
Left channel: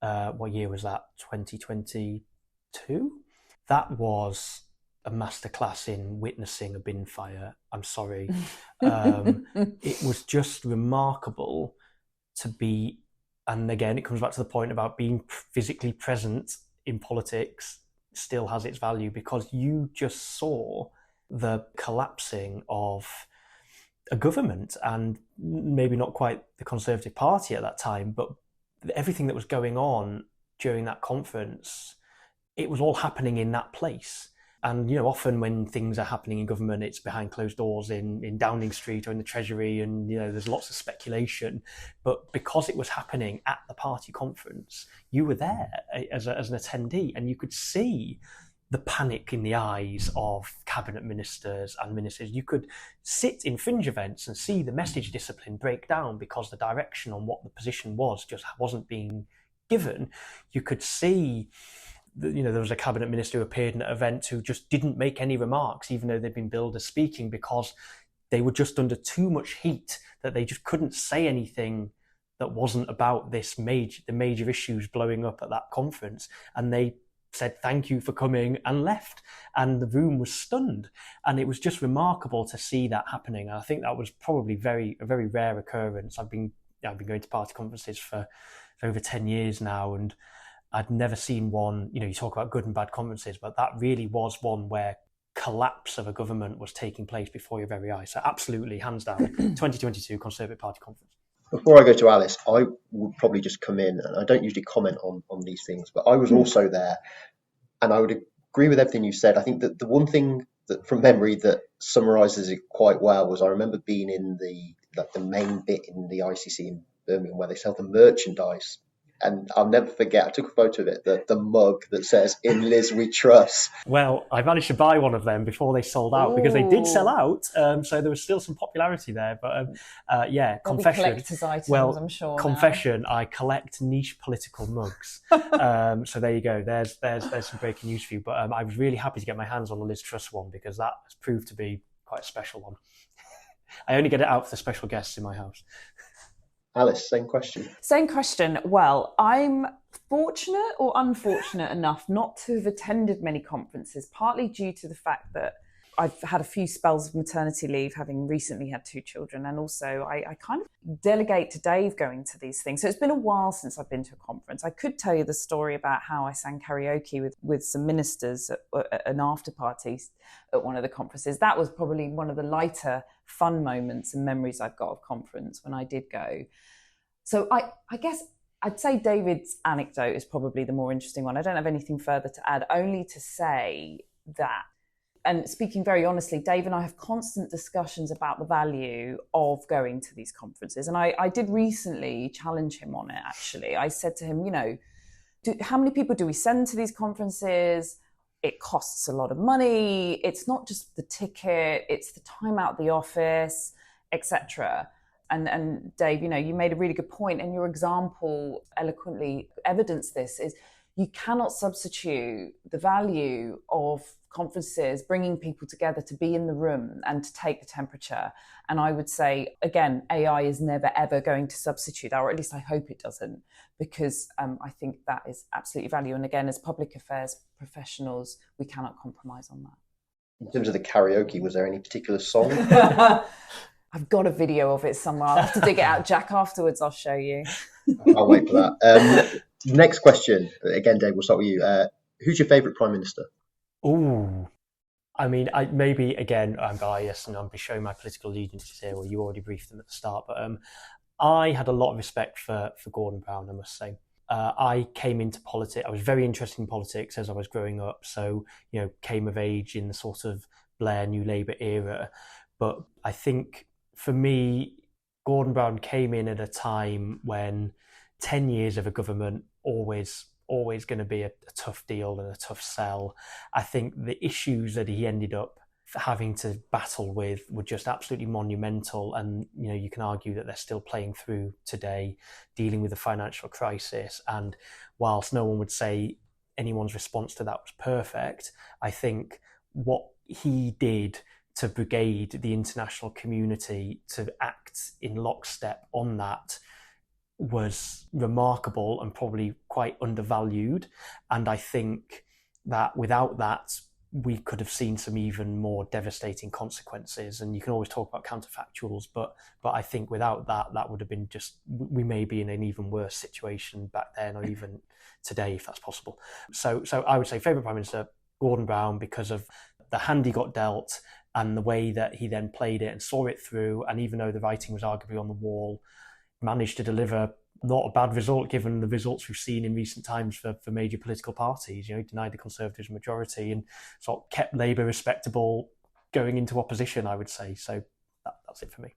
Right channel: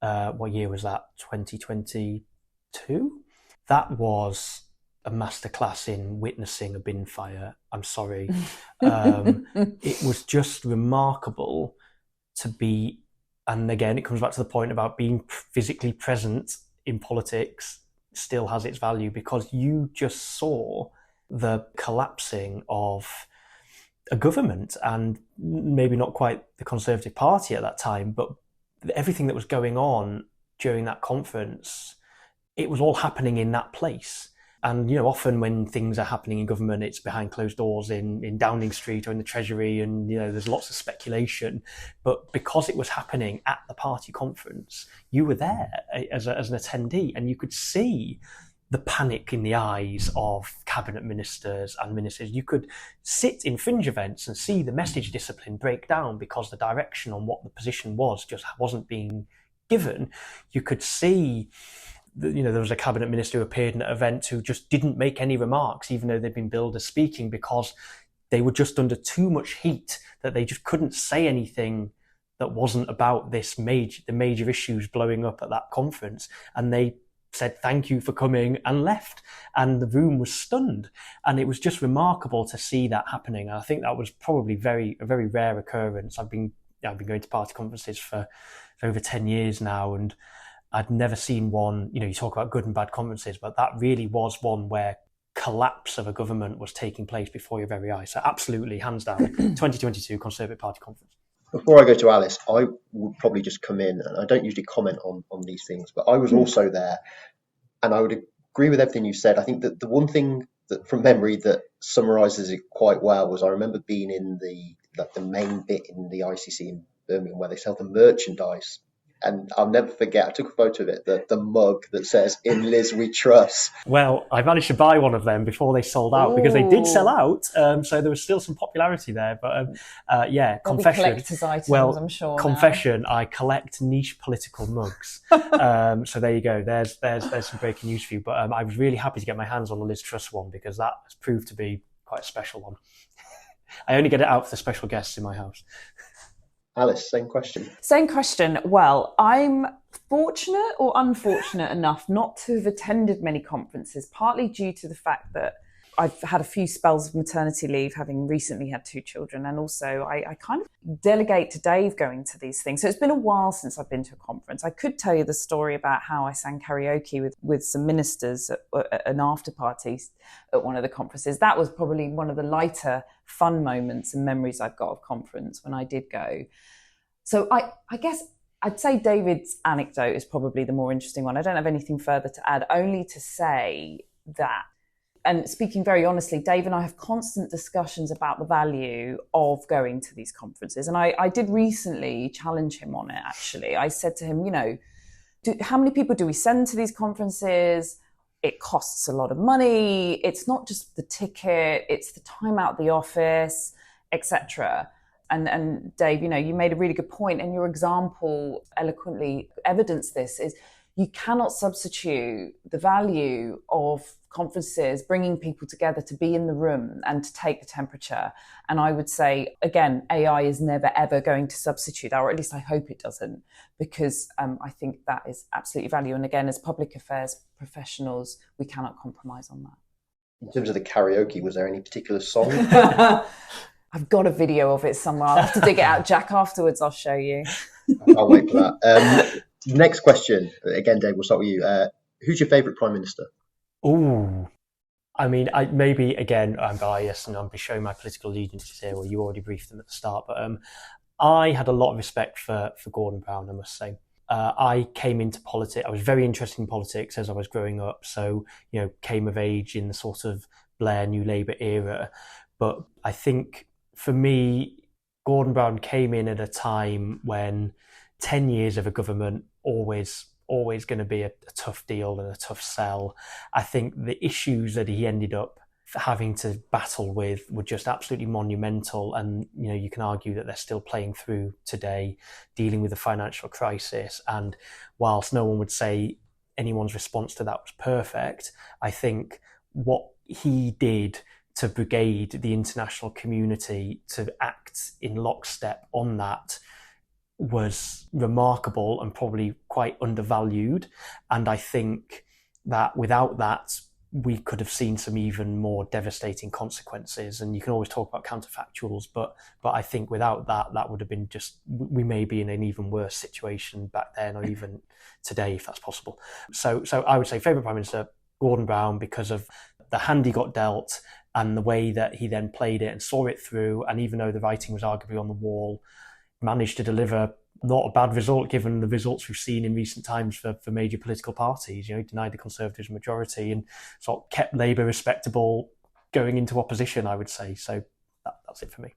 What year was that? 2022? That was a masterclass in witnessing a bin fire. I'm sorry. It was just remarkable to be, and again, it comes back to the point about being physically present in politics still has its value, because you just saw the collapsing of a government, and maybe not quite the Conservative Party at that time, but everything that was going on during that conference, it was all happening in that place. And, often when things are happening in government, it's behind closed doors in Downing Street or in the Treasury, and, there's lots of speculation. But because it was happening at the party conference, you were there as an attendee, and you could see the panic in the eyes of cabinet ministers and ministers. You could sit in fringe events and see the message discipline break down because the direction on what the position was just wasn't being given. You could see, there was a cabinet minister who appeared in an event who just didn't make any remarks, even though they'd been billed as speaking, because they were just under too much heat that they just couldn't say anything that wasn't about the major issues blowing up at that conference. And they said thank you for coming and left, and the room was stunned. And it was just remarkable to see that happening. And I think that was probably a very rare occurrence. I've been going to party conferences for over 10 years now, and I'd never seen one. You talk about good and bad conferences, but that really was one where collapse of a government was taking place before your very eyes. So absolutely, hands down, 2022 Conservative Party conference. Before I go to Alice, I would probably just come in, and I don't usually comment on these things, but I was also there, and I would agree with everything you said. I think that the one thing that from memory that summarises it quite well was I remember being in the main bit in the ICC in Birmingham where they sell the merchandise. And I'll never forget, I took a photo of it, the mug that says, "In Liz we trust." Well, I managed to buy one of them before they sold out, because they did sell out. So there was still some popularity there. But yeah, They'll confession. be collector's items, well, I'm sure. Confession, now. I collect niche political mugs. So there you go. There's some breaking news for you. But I was really happy to get my hands on the Liz Truss one, because that has proved to be quite a special one. I only get it out for the special guests in my house. Alice, same question. Same question. Well, I'm fortunate or unfortunate enough not to have attended many conferences, partly due to the fact that I've had a few spells of maternity leave, having recently had 2 children. And also I kind of delegate to Dave going to these things. So it's been a while since I've been to a conference. I could tell you the story about how I sang karaoke with some ministers at an after party at one of the conferences. That was probably one of the lighter, fun moments and memories I've got of conference when I did go. So I guess I'd say David's anecdote is probably the more interesting one. I don't have anything further to add, only to say that, and speaking very honestly, Dave and I have constant discussions about the value of going to these conferences. And I did recently challenge him on it, actually. I said to him, how many people do we send to these conferences? It costs a lot of money. It's not just the ticket, it's the time out of the office, etc. And Dave, you made a really good point, and your example eloquently evidenced this, is you cannot substitute the value of conferences, bringing people together to be in the room and to take the temperature. And I would say, again, AI is never, ever going to substitute that, or at least I hope it doesn't, because I think that is absolutely value. And again, as public affairs professionals, we cannot compromise on that. In terms of the karaoke, was there any particular song? I've got a video of it somewhere. I'll have to dig it out. Jack, afterwards I'll show you. I'll wait for that. Next question. Again, Dave, we'll start with you. Who's your favourite Prime Minister? Ooh. I mean, maybe, again, I'm biased and I'll be showing my political allegiances here. Well, you already briefed them at the start. But I had a lot of respect for Gordon Brown, I must say. I came into politics. I was very interested in politics as I was growing up. So, came of age in the sort of Blair New Labour era. But I think for me, Gordon Brown came in at a time when 10 years of a government always going to be a tough deal and a tough sell. I think the issues that he ended up having to battle with were just absolutely monumental. And, you can argue that they're still playing through today, dealing with the financial crisis. And whilst no one would say anyone's response to that was perfect, I think what he did to brigade the international community to act in lockstep on that was remarkable and probably quite undervalued. And I think that without that, we could have seen some even more devastating consequences. And you can always talk about counterfactuals, but I think without that, that would have been we may be in an even worse situation back then, or even today, if that's possible. So I would say favourite Prime Minister, Gordon Brown, because of the hand he got dealt and the way that he then played it and saw it through. And even though the writing was arguably on the wall, managed to deliver not a bad result given the results we've seen in recent times for major political parties. Denied the Conservatives a majority and sort of kept Labour respectable going into opposition, I would say. So that's it for me.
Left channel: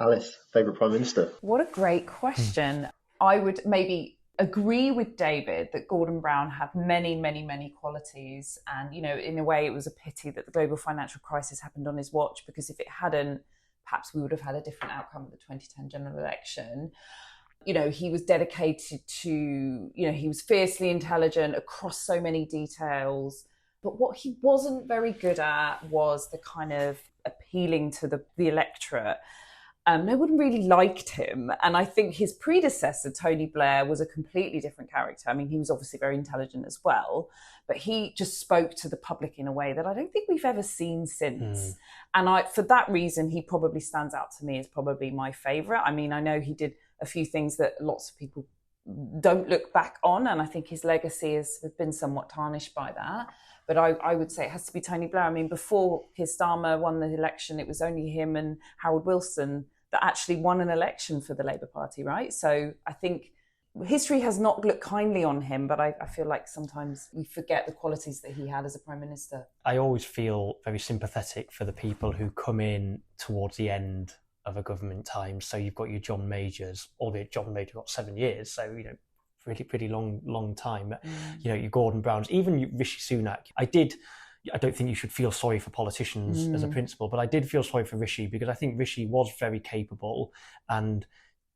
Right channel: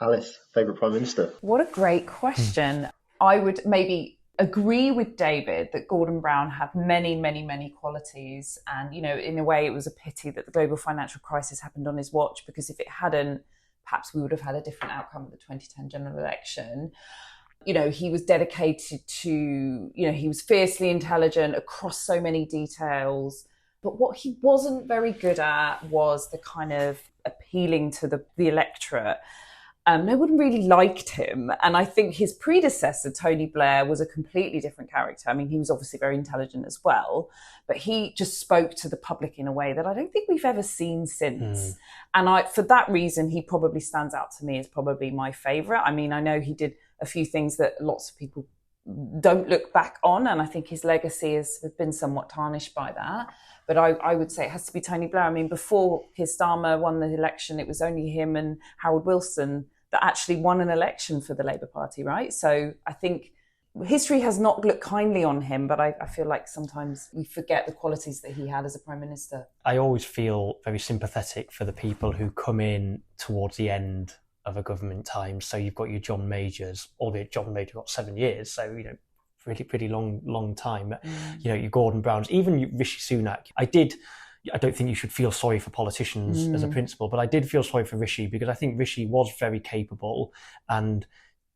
Alice, favourite Prime Minister? What a great question. I would maybe agree with David that Gordon Brown had many, many, many qualities. And, in a way, it was a pity that the global financial crisis happened on his watch, because if it hadn't, perhaps we would have had a different outcome of the 2010 general election. He was dedicated to, he was fiercely intelligent across so many details. But what he wasn't very good at was the kind of appealing to the electorate. No one really liked him. And I think his predecessor, Tony Blair, was a completely different character. I mean, he was obviously very intelligent as well, but he just spoke to the public in a way that I don't think we've ever seen since. And for that reason, he probably stands out to me as probably my favourite. I mean, I know he did a few things that lots of people don't look back on, and I think his legacy has been somewhat tarnished by that. But I would say it has to be Tony Blair. I mean, before Keir Starmer won the election, it was only him and Harold Wilson that actually won an election for the Labour Party, right? So I think history has not looked kindly on him, but I feel like sometimes we forget the qualities that he had as a Prime Minister. I always feel very sympathetic for the people who come in towards the end of a government time. So you've got your John Majors, albeit John Major got 7 years, so pretty long time. Your Gordon Browns, even Rishi Sunak. I don't think you should feel sorry for politicians as a principle, but I did feel sorry for Rishi because I think Rishi was very capable and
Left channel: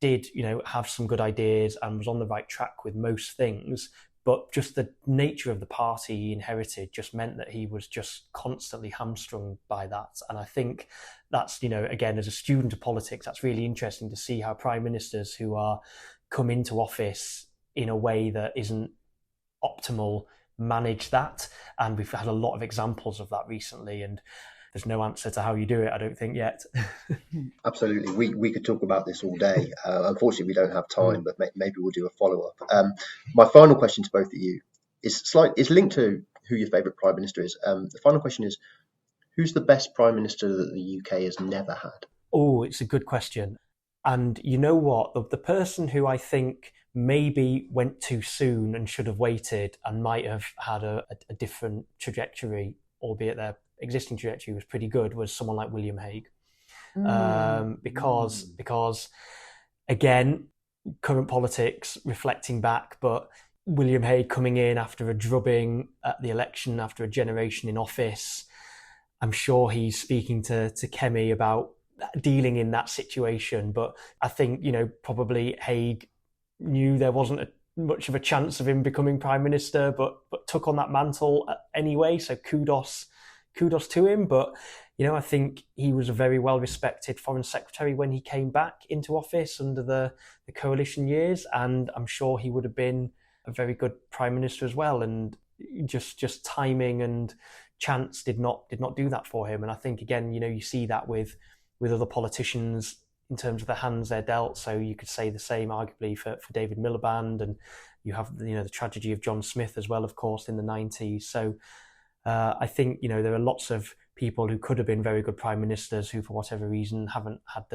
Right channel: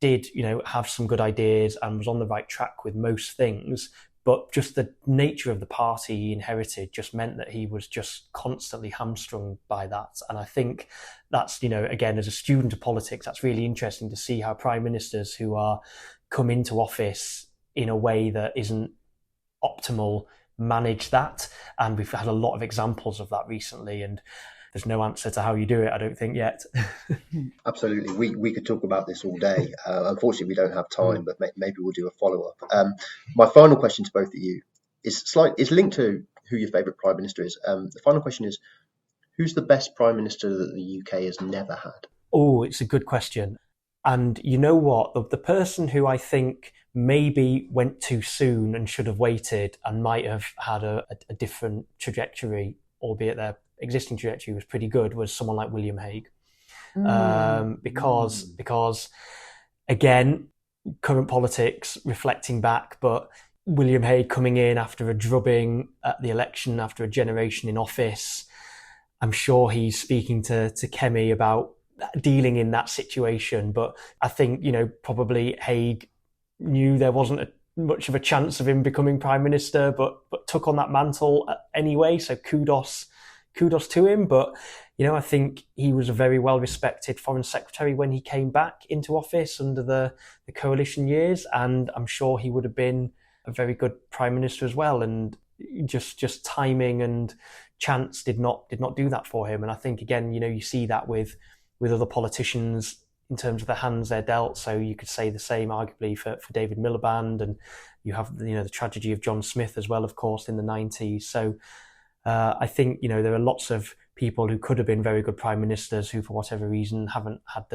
did, have some good ideas and was on the right track with most things. But just the nature of the party he inherited just meant that he was just constantly hamstrung by that. And I think that's, again, as a student of politics, that's really interesting to see how prime ministers who are come into office in a way that isn't optimal manage that. And we've had a lot of examples of that recently. And there's no answer to how you do it, I don't think, yet. Absolutely. We could talk about this all day. Unfortunately, we don't have time, but maybe we'll do a follow-up. My final question to both of you is linked to who your favourite Prime Minister is. The final question is, who's the best Prime Minister that the UK has never had? Oh, it's a good question. And you know what? The person who I think maybe went too soon and should have waited and might have had a different trajectory, albeit their existing trajectory was pretty good, was someone like William Hague. Because again, current politics reflecting back, but William Hague coming in after a drubbing at the election, after a generation in office, I'm sure he's speaking to Kemi about dealing in that situation. But I think, probably Hague knew there wasn't much of a chance of him becoming Prime Minister, but took on that mantle anyway. So kudos to him. But, I think he was a very well-respected Foreign Secretary when he came back into office under the coalition years. And I'm sure he would have been a very good Prime Minister as well. And just timing and chance did not do that for him. And I think, again, you see that with other politicians in terms of the hands they're dealt. So you could say the same arguably for David Miliband, and you have the tragedy of John Smith as well, of course, in the 90s. So I think there are lots of people who could have been very good prime ministers who, for whatever reason, haven't had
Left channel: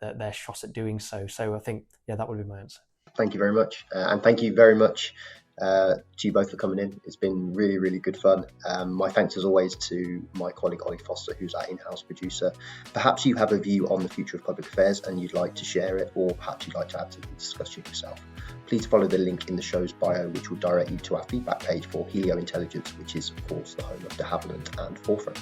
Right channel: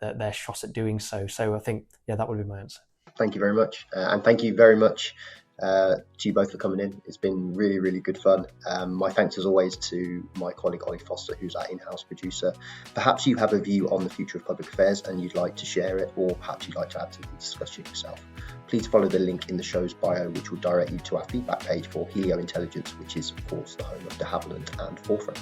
their shot at doing so. So I think that would be my answer. Thank you very much, and thank you very much to you both for coming in. It's been really, really good fun. My thanks as always to my colleague Ollie Foster, who's our in-house producer. Perhaps you have a view on the future of public affairs and you'd like to share it, or perhaps you'd like to add to the discussion yourself. Please follow the link in the show's bio, which will direct you to our feedback page for Helio Intelligence, which is of course the home of De Havilland and Forefront.